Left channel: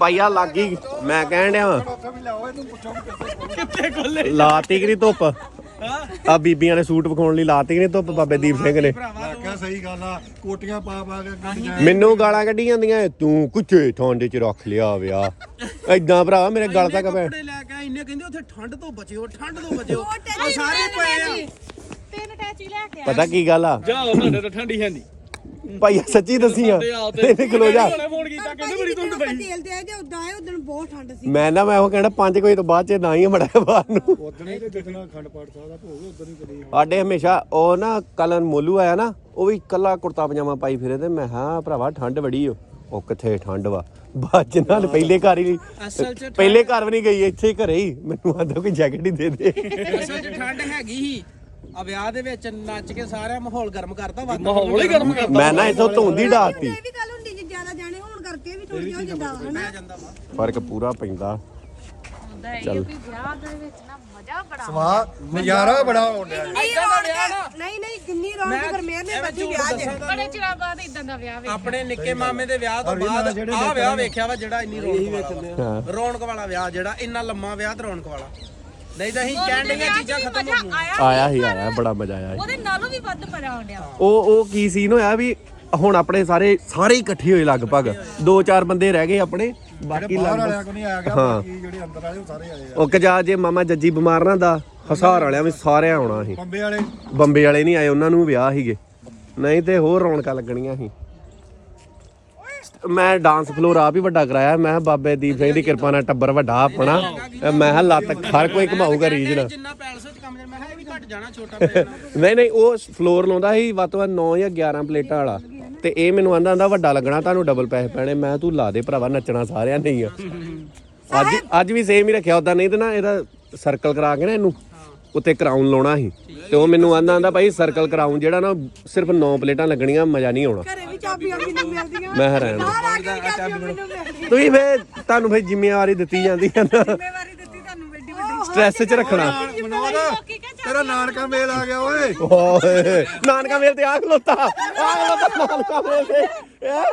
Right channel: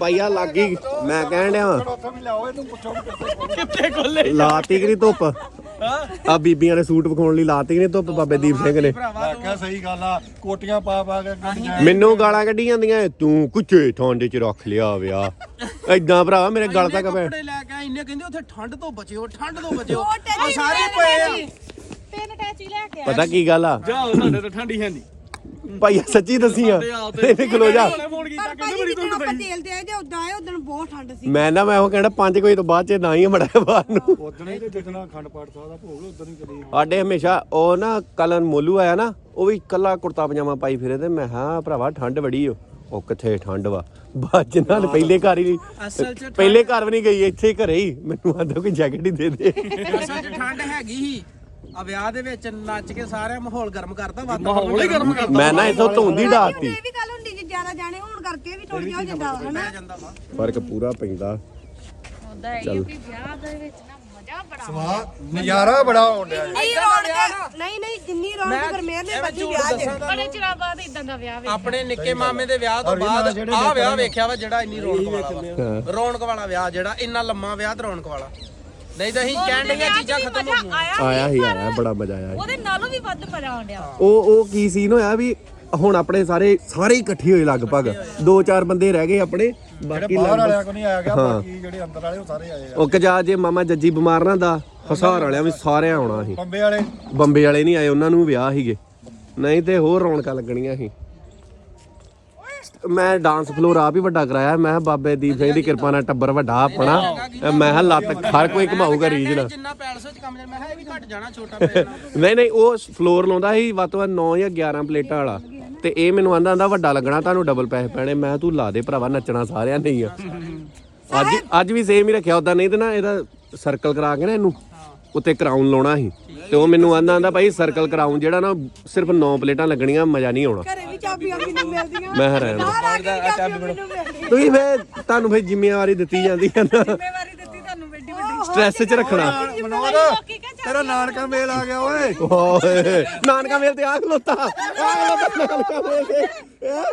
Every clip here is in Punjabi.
ਪਾਈਆ ਲੱਗੀ ਮੈਂ ਕਹਿਣ ਡਿਆ ਕਿੱਥੇ ਖੋਲੇ? ਲਾਤੀ ਕਿ ਨਹੀਂ ਧੁੱਪ ਆ ਬੀਬੀਆਂ ਨੇ ਸੂਟ ਵਿਖਾਉਣ ਲਈ ਲਾਤੀ ਕਿ ਨਹੀਂ ਧੁੱਪ ਬਾਬੇ ਦੀਪ ਸਿੰਘ ਨੇ। ਮੈਂ ਕਿਹਾ ਸਹੀ ਗੱਲ ਆ ਕੋਟੀਆਂ ਪਾ ਪਾ ਕੇ ਗੱਡੀਆਂ ਮੈਨੂੰ ਗਾਲਾਂ ਕੱਢੀ ਜਾਂਦੀਆਂ ਤੂੰ ਕੁੱਚੇ ਠਾਂਡੇ ਚ ਰੱਖ ਲਿਆ ਵਿਆ। ਐਦਾਂ ਭਰਾ ਮੇਰੇ ਗਲ ਤੱਕ ਪੈ ਕੱਪੜੇ ਲੈ ਕੇ ਆਏ ਇੰਨੇ ਕਹਿੰਦੇ ਉੱਥੇ ਠੰਡ ਤੋਂ ਬਚਿਓ ਠੰਡ ਤੋਂ ਬਚਿਓ। ਉਹ ਟੈਚੀ ਆ ਸਾਰੇ ਪਏ ਆ। ਤਿੰਨ ਟੈਚੀ ਲੈ ਕੇ ਪਤਾ ਕੀ ਗੱਲ ਆ? ਜਾਓ ਸਾਡੇ ਤਾਂ ਠੰਡੀ ਹੈ ਨਹੀਂ ਭਾਈਆ ਸੱਚੀ ਦੱਸੀ ਆ ਇਹਨੇ ਖਲੋ ਜਾ। ਫੋਨ ਕੀਤਾ ਪਰ ਕਹਿੰਦੇ ਭਾਜੀ ਬੜੀ ਜਿੱਦਣ ਧੁੰਦ ਆਪਾਂ ਪਈ ਤੇਲ ਤੇ ਆਏ ਤੇ ਉਦਾਂ ਆਏ ਉਦੋਂ ਬਹੁਤ ਠੰਡ ਸੀ। ਮੈਂ ਨਾ ਮੈਂ ਉਹ ਕਹਿਣਾ 5 ਵਜੇ ਤੋਂ ਬਾਅਦ ਚ ਨਾ ਹੀ ਮੜਾ ਬਾਹਰ ਨੂੰ। ਉਦੋਂ ਹੀ ਤੇ ਜਿੱਦਣਾ ਖੰਡ ਪਾਠ ਸਾਹਿਬ ਦਾ ਭੋਗ ਉਦੋਂ ਹੀ ਕਰੀ। ਸਾਡੇ ਹਮੇਸ਼ਾ ਉਹ ਨਾ ਕਲਨ ਮੋਲੂ ਆਇਆ ਨਾ ਉਹ ਵੀ ਕੱਲਾ ਕੁੜਤਾ ਪਜਾਮਾ ਪਾਈ ਫਿਰੇ ਤੇ ਮੈਂ ਹਾਂ ਭਰਾਵਾ ਠੰਡ ਬੜੀ ਓ। ਉਹ ਕਿੱਥੇ ਠੰਡ ਵਾ? ਬਾਅਦ ਨਾਲ ਪਹਿਲੇ ਘਰ ਹੀ ਅਸਲ 'ਚ ਪਹਿਲੇ ਘਰ ਵੀ ਨਹੀਂ ਗਈ ਇੱਥੇ ਘਰੇ ਹੀ। ਮੈਨੂੰ ਆਂਦਾ ਕੋਈ ਜੈਕਟ ਹੀ ਦੇ ਦੇ। ਅਸਲ 'ਚ ਠੰਡ ਹੈਗੀ ਹੀ ਆ ਵਿਆਹ ਦੇ ਵਿੱਚ ਨੱਚ ਕੇ ਸਾਰਾ ਮਾਹੌਲ ਗਰਮ ਕਰਤਾ ਮਾਹੌਲ ਹੀ ਗਰਮ ਕਰਤਾ। ਮੈਂ ਨਾ ਇੱਥੋਂ ਧੁੰਦੀ ਡਾਤੀ ਇਹ ਵੀ ਗੱਲ ਹੁੰਦੀ ਜੇ ਜ਼ਿਆਦਾ ਜਾਣੇ ਹੋਣ ਕਰਕੇ ਵੀ ਥੋੜੀ ਹੋ ਜਾਂਦਾ ਵਾ, ਹਨਾ? ਜਾਂਦਾ ਵਾ। ਫ਼ਰਕ ਪੂਰਾ ਪੈਂਦਾ। ਹੁੰਦਾ ਹੈ ਕਿ ਵਿਆਹ ਦੇ ਵਿੱਚ ਨਾ ਮਜ਼ਾ ਬੜਾ ਸਵਾ ਨਜ਼ਾਰਾ ਬੜਾ ਆਉਣ ਡਿਆ। ਨਹੀਂ ਰੌਣਕ ਨਹੀਂ ਨਹੀਂ ਜਿੰਨੀ ਰੌਣਕ ਗਰਮੇਰ ਨੇ ਬੱਜੀ ਵਿਆਹ ਦੇ। ਬੜੇ ਚਿਰਾਂ ਬਾਅਦ ਇਦਾਂ ਦਾ ਵਿਆਹ ਵੇਖ ਆਪਣੇ ਨਿੱਕੇ ਮਾਮੇ ਦੇ ਵਿਆਹ ਤੋਂ ਬਾਅਦ ਆਹ ਵਿਆਹ ਵੇਖਿਆ ਵਾ ਜਿਹੜਾ ਇੰਨੀ ਰੌਣਕ ਵਾਲਾ ਵਾ। ਰੌਣਕ ਵਾਲਾ ਵਿਆਹ ਜਿਹੜਾ ਇੰਨਾ ਲੰਮਾ ਵਿਆਹ ਤੇ ਰੌਣਕ ਵਾਲਾ। ਨਹੀਂ ਤਾਂ ਅਸੀਂ ਕਹਿਣ ਡੀਆਂ ਚੀਜ਼ਾਂ ਖਤਮ ਹੋ ਗਈਆਂ ਆਇਆ ਆਇਆ ਹੀ ਆਇਆ ਬੜਾ ਮਜ਼ਾ ਆਇਆ ਸੀ। ਉਹਦੇ ਨਾਲੋਂ ਵੀ ਵੱਧ ਮਜ਼ਾ ਆਉਂਦਿਆ। ਉਹ ਉਹ ਕੀ ਸੀਨ ਹੋਇਆ ਵੀ ਹੁਣ ਆਪਣੇ ਸਾਰੇ ਸਾਰੇ ਇਕੱਠੇ ਹੋਏ ਲਗਭਗ। ਦੋ ਚਾਰ ਬੰਦੇ ਰਹਿ ਗਏ ਆਪਣੇ ਬਾਕੀ ਬਾਹਰ ਲਗਭਗ ਵਾਲਿਆਂ ਕੋ ਨਹੀਂ ਆਇਆ ਗਿਆ ਬਾਕੀ ਜਿਹੜੇ ਅੰਦਰ ਵਾਲੇ ਉਹ ਸਾਰੇ ਆਏ ਆ। ਉਹ ਕਜਾ ਜੇ ਮਾਮਾ ਜੱਜੀ ਬਿਮਾਰ ਨਾ ਦਾ ਹਸਾਰ ਵਾਲਿਆਂ ਵੀ ਸਾਰੇ ਆਉਣਾ ਸੀ। ਬੰਬੇ ਵਾਲੇ। ਬੰਬੇ ਵਾਲੇ ਨਹੀਂ ਆਏ ਉਹਨਾਂ ਨੂੰ ਵਿਆਹ ਸੀਗੇ। ਨਹੀਂ ਤੇ ਹੋਰ ਰੌਣਕਾਂ ਲੱਗਣੀਆਂ ਸੀ। ਮੈਂ ਡਾਂਸ ਫਲੋਰ ਆਪ ਹੀ ਵੱਡਾ ਕਰਾਇਆ। ਮੈਂ ਕਿਹਾ ਬਾਬੇ ਦੀਪ ਸਿੰਘ ਦੀ ਕਿਰਪਾ ਨਾਲ ਟੱਬਰ ਵੱਡਾ ਆਪਣਾ। ਮੈਂ ਕਿਹਾ ਲੱਤ ਹਰ ਕੋਈ ਘਮਾਊਗਾ ਰੀਜ ਨਾਲ ਜਿੰਨਾ ਪੈਲਸ ਵਿੱਚ ਕੰਮ ਮੈਂ ਕਿਹਾ ਇਹ ਵੀ ਘਟ ਜਾਣਾ ਛੋਟਾ ਪੈ ਨਹੀਂ ਨਹੀਂ ਉਹ ਫਲੋਰ ਲਾਉਂਦਾ ਸੀ ਵੱਧ ਤੋਂ ਵੱਧ 9 ਜਾਂ 11 ਪਲੇਟਾਂ ਵਾਲਾ। ਤੇ ਇਹ ਮੈਨੂੰ ਆਂਦਾ ਆਂਦਾ ਵੱਡਾ ਲੱਗਣਾ ਤੁਹਾਨੂੰ ਡਬਲ ਪੈਸੇ ਪੈਣੇ। ਮੈਂ ਤੂੰ ਲਾ ਦੇ ਭਰਾਵਾ ਨੱਚਣਾ ਸਾਰਿਆਂ ਨੇ ਹੀ ਆ। ਅੱਜ ਅੱਜ ਵੀ ਸੇਮ ਹੀ ਰੱਖਿਆ ਉਦਾਂ ਨਹੀਂ ਤੇ ਨਾ ਇਹਦਾ ਸਰਕਲ ਕਰਾ ਕੇ ਨਾ ਇਹਨੂੰ। ਉੱਤੇ ਕਰਾਊਨ ਲਾਉਣਾ ਸੀ ਤੇ ਉਹ ਮੈਨੂੰ ਆਂਦਾ ਆਂਦਾ ਭਾਈ ਸਰਕਲ ਕਰਾਊਨ ਜਿਹੜਾ ਨਾ ਸਿਰਫ 9 ਪਲੇਟਾਂ ਲੱਗਣੀਆਂ ਮਜ਼ਾ ਨਹੀਂ ਆਉਣਾ ਘਰੇ ਵੀ ਚਾਬੀਆਂ ਮੈਨੂੰ ਮਿਲਦੀਆਂ ਮੈਂ ਹੈਰਾਨ ਬਾਹਰ ਆ ਕੇ ਵੀ ਚਾਬੀਆਂ ਮੈਨੂੰ ਮਿਲਦੀਆਂ ਤੁਸੀਂ ਫੇਰ ਤੁਹਾਨੂੰ ਫੇਰ ਜ਼ਿੰਮੇਵਾਰੀ ਦਿੱਤੀ ਜਾਂਦੀ ਹੈ ਨਾ ਜ਼ਿੰਮੇਵਾਰੀ ਦਿੱਤੀ ਤੁਹਾਨੂੰ ਵੱਡੀ ਵੱਡੀ ਸਟ੍ਰੈਸ 'ਚ ਰੱਖਣਾ ਤੇਰਾ ਨਾਨਕਾ ਮੇਲ ਆ ਗਿਆ ਓਏ ਓਏ ਨਾਨਕਾ ਮੇਲ ਤੇ ਆ ਖਲੋਤਾ ਆ ਖਲੋਤਾ ਨਾਨਕਾ ਮੇਲ ਤੇ ਹੈਂ?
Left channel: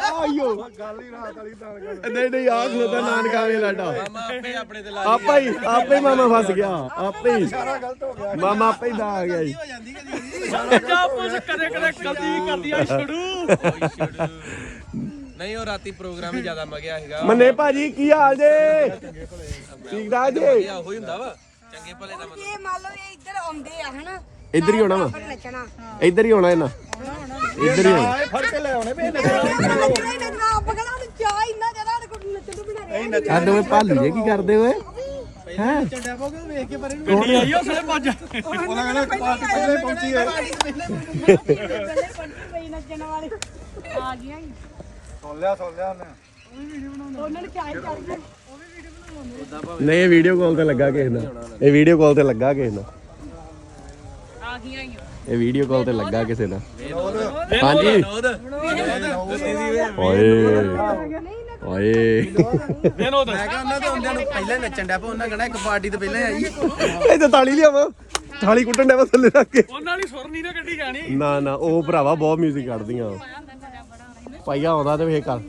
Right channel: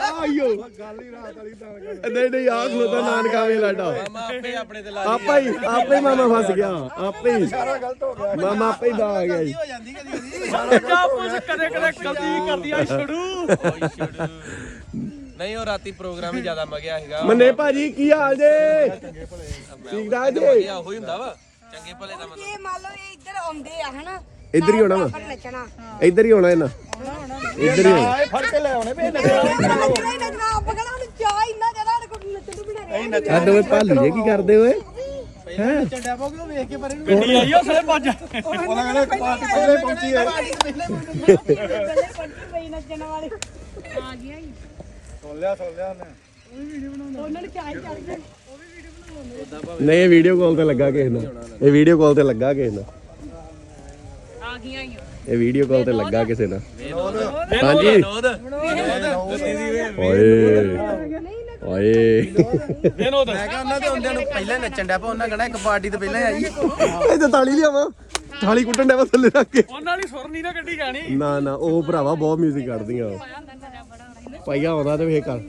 ਆਇਓ ਗੱਲ ਹੀ ਰਾਤ ਵਾਲੀ ਤਾਂ ਨਹੀਂ ਨਹੀਂ ਆ। ਖਲੋਤਾ ਨਾਨਕਾ ਮੇਲ ਆਡਾ ਮਾਮਾ ਆਪੇ ਆਪਣੇ ਤੇ ਲਾ ਆਪਾ ਹੀ ਆਪੇ ਹੀ ਮਾਮਾ ਫਸ ਗਿਆ। ਆਪੇ ਹੀ। ਗਲਤ ਹੋ ਗਿਆ। ਮਾਮਾ ਆਪੇ ਹੀ ਦਾ ਆ ਗਿਆ ਜੀ। ਹੋ ਜਾਂਦੀ ਕਦੀ ਕਦੀ। ਜਾ ਪੁੱਛ ਕਦੇ ਕਦੇ ਗਲਤੀ ਵੀ ਕਰਦੀਆਂ ਛੜੂ ਨਹੀਂ ਉਹ ਰਾਤੀ ਪ੍ਰੋਗਰਾਮ ਹੀ ਜ਼ਿਆਦਾ ਮਗਿਆ ਹੈਗਾ ਮੰਨੇ ਭਾਜੀ ਕੀ ਹਾਲ ਜੇ? ਠੀਕ ਠਾਕ ਜੀ? ਉਹੀ ਹੁੰਦਾ ਵਾ। ਚੰਗੇ ਭਲੇ ਦਾ ਇਹ ਮੰਨ ਲਓ ਇਹ ਇੱਧਰ ਆਉਂਦੇ ਆ ਹਨਾ? ਇੱਧਰ ਹੀ ਹੋਣਾ ਵਾ। ਨੱਚਣਾ। ਇੱਧਰ ਹੀ ਹੋਣਾ ਇਹਨਾਂ। ਇੱਧਰ ਹੀ ਹੋਣਾ। ਫੜ ਕੇ ਲੈ ਆਉਣੇ ਹੀ ਨੱਚਣਾ ਆਪ ਕਹਿੰਦਾ ਉਹਨੂੰ ਚਾਹ ਇੰਨਾ ਜ਼ਿਆਦਾ ਸਾਡੇ ਕੋਲ ਨੱਚਣ ਨੂੰ ਬਿਨਾ ਰਿਹਾ ਆ ਦੋਵੇਂ ਭਾਲੂ ਜੇ ਕੀ ਕਰਦੇ ਓਏ ਪਹਿਲਾਂ ਚੰਡਾ ਪੋਗੇ ਵੇਖ ਕੇ ਪਰੇ ਨੂੰ ਗੱਡੀ ਆਈ ਉਹ ਸਾਰੇ ਭੱਜ ਉਹਨਾਂ ਕਹਿੰਦੇ ਪਾਰਟੀ ਪਹਿਲੇ ਪਹੁੰਚੀ ਹੈ ਪਹਿਲੇ ਪੰਟੀ ਪਈ ਨੱਚਣ ਵਾਲੀ ਆ ਗਈਆਂ ਹੀ। ਸੁਣ ਲਿਆ ਸੁਣ ਲਿਆ ਉਹਨੇ। ਉਹਨਾਂ ਨੂੰ ਚਾਹ ਹੀ ਚੜ ਗਈ ਨਹੀਂ ਇਹ ਵੀਡੀਓ ਕਾਲ ਤੇ ਲੱਗਾ ਕਿਸੇ ਨਾਲ। ਇਹ ਵੀਡੀਓ ਕਾਲ ਤੇ ਲੱਗਾ ਕਿਸੇ ਨਾਲ। ਇਹ ਵੀਡੀਓ ਕਾਲ ਤੇ ਲੱਗਾ ਕਿਸੇ ਨਾਲ। ਹਾਂਜੀ। ਓਏ। ਓਏ। ਮੈਂ ਕਿਹਾ ਉਹਨਾਂ ਦੇ ਹੁੰਦਿਆਂ ਨੂੰ ਪਹਿਲਾਂ ਨੱਚਣ ਡਿਆ ਪਾ ਉਹਨਾਂ ਕਹਣਾ ਇੱਕ ਪਾਰਟੀ ਤੋਂ ਪਹਿਲਾਂ ਆਈ। ਇਹ ਤਾਂ ਤਾਲੀ ਲਿਆਵਾ। ਥਾਲੀ ਕੁੱਟਣ ਡਿਆ ਵਾ ਥੱਲੇ ਰੱਖ ਕੇ। ਉਹਨਾਂ ਦੀ ਸੁਰ ਨਹੀਂ ਨਾ ਕੱਢੀ ਜਾਣੀ। ਨਾ ਨਾ ਉਹ ਭਰਾਵਾ ਬਹੁਤ 뮤직 ਕੱਢਦੀਆਂ ਪਾਈਆ ਆਉਂਦਾ ਤੇ ਵੇਖ ਕਰ।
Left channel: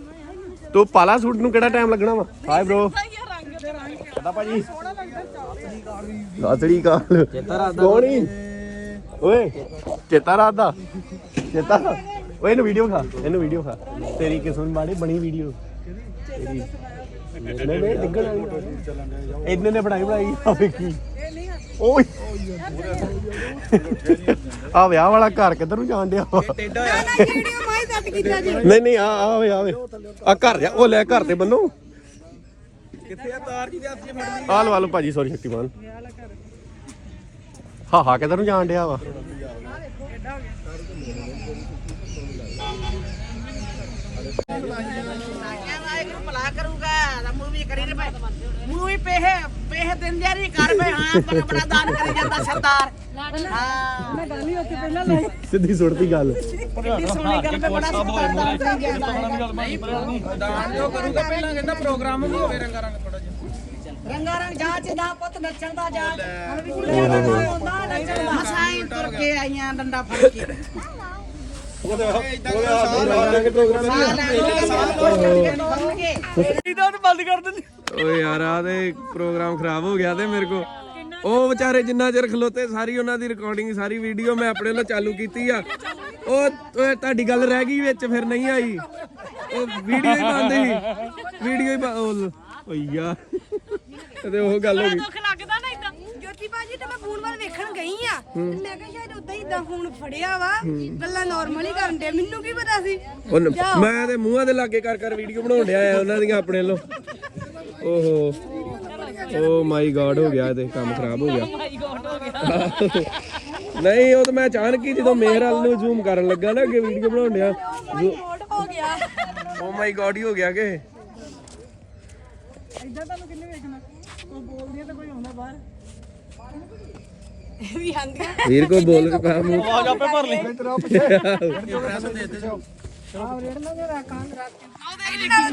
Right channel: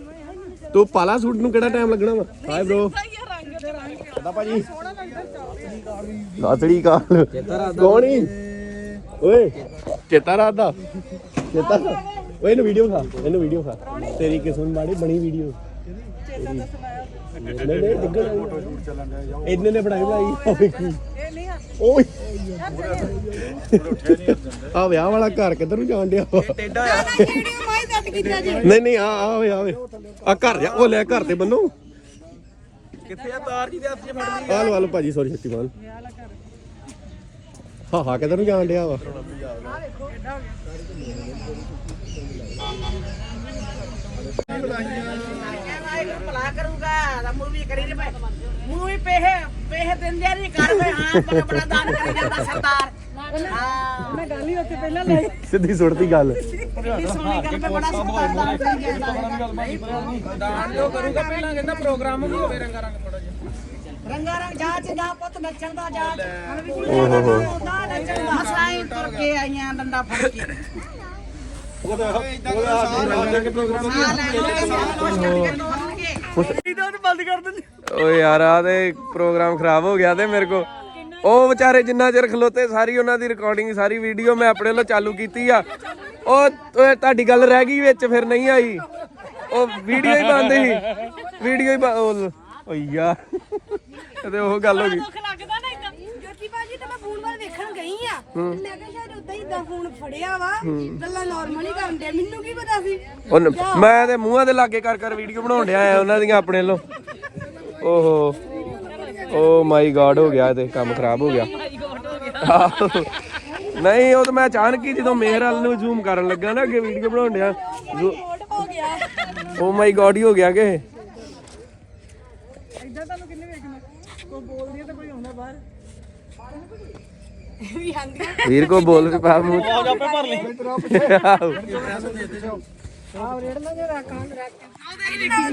ਤੂੰ ਪਾਲਾ ਸੂਟ ਨੂੰ ਕਿਹੜਾ ਟਾਈਮ ਲੱਗਣਾ ਵਾ? ਹਾਏ ਬ్రో ਦਾ ਭਾਜੀ ਸੋਹਣਾ ਲੱਗਦਾ ਚਾਹ ਅਤੜੀ ਕਾਲ। ਕੋਣੀ ਓਏ ਚੇਤਾ ਰਾਤ ਦਾ ਚੇਤਾ ਓਏ ਇਹਨੂੰ ਵੀਡੀਓ ਖਾ ਇਹਨੂੰ ਵੀਡੀਓ ਖਾ ਤੇਰੀ ਕਿਸਮ ਬਾੜੀ ਬਣੀ ਵੀਡੀਓ ਨਹੀਂ ਨਹੀਂ ਡਿੱਗਣ ਵਾਲੀ ਇਹਨੇ ਨੇ ਬਣਾਈ ਬਣਾਈ ਆ ਵੇਖੀ। ਓਏ। ਆ ਵਿਆਹ ਵਾਲਾ ਘਰ ਕਿੱਧਰ ਨੂੰ ਜਾਣ ਡਿਆ? ਟੇਡਾ ਆ। ਨਹੀਂ ਨਹੀਂ ਆ ਆਵੇ ਆਵੇ ਆ ਘਰ ਜਾ ਉਹ ਲੈ ਘਰ ਤੇ ਬੰਨੋ। ਕਿੱਥੇ ਆ? ਤਾਰ ਜੀ ਦੇ ਹੱਥ 'ਚ ਆ। ਲਓ ਆ ਲਓ ਭਾਜੀ ਸੌਰੀ ਸ਼ਕਤੀਮਾਨ। ਹਾਂ ਹਾਂ ਕਿੱਧਰ ਨੂੰ ਜਾਣ ਡਿਆ ਵਾ? ਮੂਵੀ ਕਰੀ ਰੇ ਮੂਵੀ ਪੇਹ ਕਰ ਵੇ ਹਾਂ ਬੜਾ ਬੜਾ ਦਾਨ ਕਰੀ ਜਾਂਦਾ ਸਰਦਾਰ ਹਾਂ ਮੈਂ ਗੱਲ ਹੀ ਉੱਥੇ ਪਹਿਲਾਂ ਲੈ ਸਿੱਧੀ ਸੁਣਤੀ ਗੱਲ। ਦਾਨ ਜੋ ਕਰੂਗਾ, ਪਹਿਲਾਂ ਕਹਿੰਦਾ ਪ੍ਰੋਗਰਾਮ ਵੀ ਹੋਵੇ ਰੰਗਾ ਰੰਗ ਥੋੜਾ ਜਿਹਾ ਰੰਗਾ ਰੰਗ ਜਾ ਚ ਜਾ ਪੁੱਤ ਨੱਚਣ ਦਾ ਜਾ ਹੁਣ ਵੀ ਓਹ ਹੋ ਹੋ। ਹੁੰਦਾ ਨੱਚਣ ਦਾ। ਹਸਾਈ ਤੁਰ ਕੇ ਆਈਆਂ ਡੰਡਾ ਫੜ ਕੇ। ਉਹਦੇ ਉਹਦੇ ਹੱਥ ਦੇ ਪ੍ਰੋਗਰਾਮ ਓਏ ਯਾਰ ਆ ਤੇ ਪ੍ਰੋਗਰਾਮ ਖਰਾਬ ਹੋ ਗਿਆ ਤੇ ਮੇਰੇ ਕੋ। ਉਹ ਵਿਚਾਰੇ ਜਿੰਨਾ ਚਿਰ ਖਲੋਤੇ ਸਾਰੀ ਉਹਨਾਂ ਦੀ ਰਿਕਾਰਡਿੰਗ ਸਾਰੀ ਵੀਡੀਓ ਮੈਂ ਆਪਣੇ ਵੱਲੋਂ ਚਾਲੂ ਕੀਤੀ ਆ। ਉਹ ਓਏ ਤੁਹਾਡੀ ਗੱਲ ਰਹਿ ਗਈ ਵਿੱਚ ਫਿਰ ਨਹੀਂ ਆਈ। ਉਹ ਵੀਡੀਓ ਹੀ ਬੰਦ ਸੀ। ਵੀਡੀਓ ਹੀ ਬੰਦ ਓ ਯਾਰ ਤੇ ਉਹ ਗੱਲ ਹੋ ਗਈ। ਦੁੱਖ ਲੱਗਦਾ ਨਾ ਇਦਾਂ ਜੋਤੀ ਬਾਜੀ ਤੇ ਮੈਂ ਫੋਨ ਵੱਲ ਵੇਖਣ ਗਈ ਆ। ਤੇ ਮੈਂ ਕਿਹਾ ਸ਼ਾਇਦ ਉਦਾਂ ਹੀ ਇਦਾਂ ਫੋਨ ਫੜਿਆ ਵਾ। ਗੱਲਾਂ ਨਾਰਮਲ ਹੀ ਕਰਨ ਦੇ ਮੈਨੂੰ ਕੀ ਪਤਾ ਸੀ? ਉਹ ਨ- ਮੈਂ ਤੇ ਮੂੰਹਾਂ ਦੇ ਲਾਗੇ ਕਰ ਕਰ ਵੀਡੀਓ ਬਣਾਉਣ ਡਿਆ ਆ ਉਹਨਾਂ ਦੀਆਂ ਆਪਣੇ ਵੱਲੋਂ। ਓਹੋ। ਓ ਮਾਈ ਗॉड ਹੋ ਗਿਆ ਤੇ ਕੰਮ ਖਰਾਬ ਹੋ ਗਿਆ। ਆਹੋ। ਨਹੀਂ ਉਹ ਤਾਂ ਮੈਂ ਅਚਾਨਕ ਹੀ ਜਦੋਂ ਮੇਹਰ ਵੱਲ ਨੂੰ ਜ਼ੂਮ ਕਰਨ ਲੱਗਾ ਨਾ ਅੱਗੇ ਵੀਡੀਓ ਬਣਾਉਣ ਡਿਆ। ਹੋ ਗਿਆ। ਓ ਮਾਈ ਗॉड ਹੀ ਹੋ ਗਿਆ ਕਿ ਵੀ ਵੀਰ ਕੋ ਬੋਲ ਕੇ ਪਾ ਮੂੰਹ ਆਵਾਜ਼ ਆਪੇ ਭਰ ਲਈ।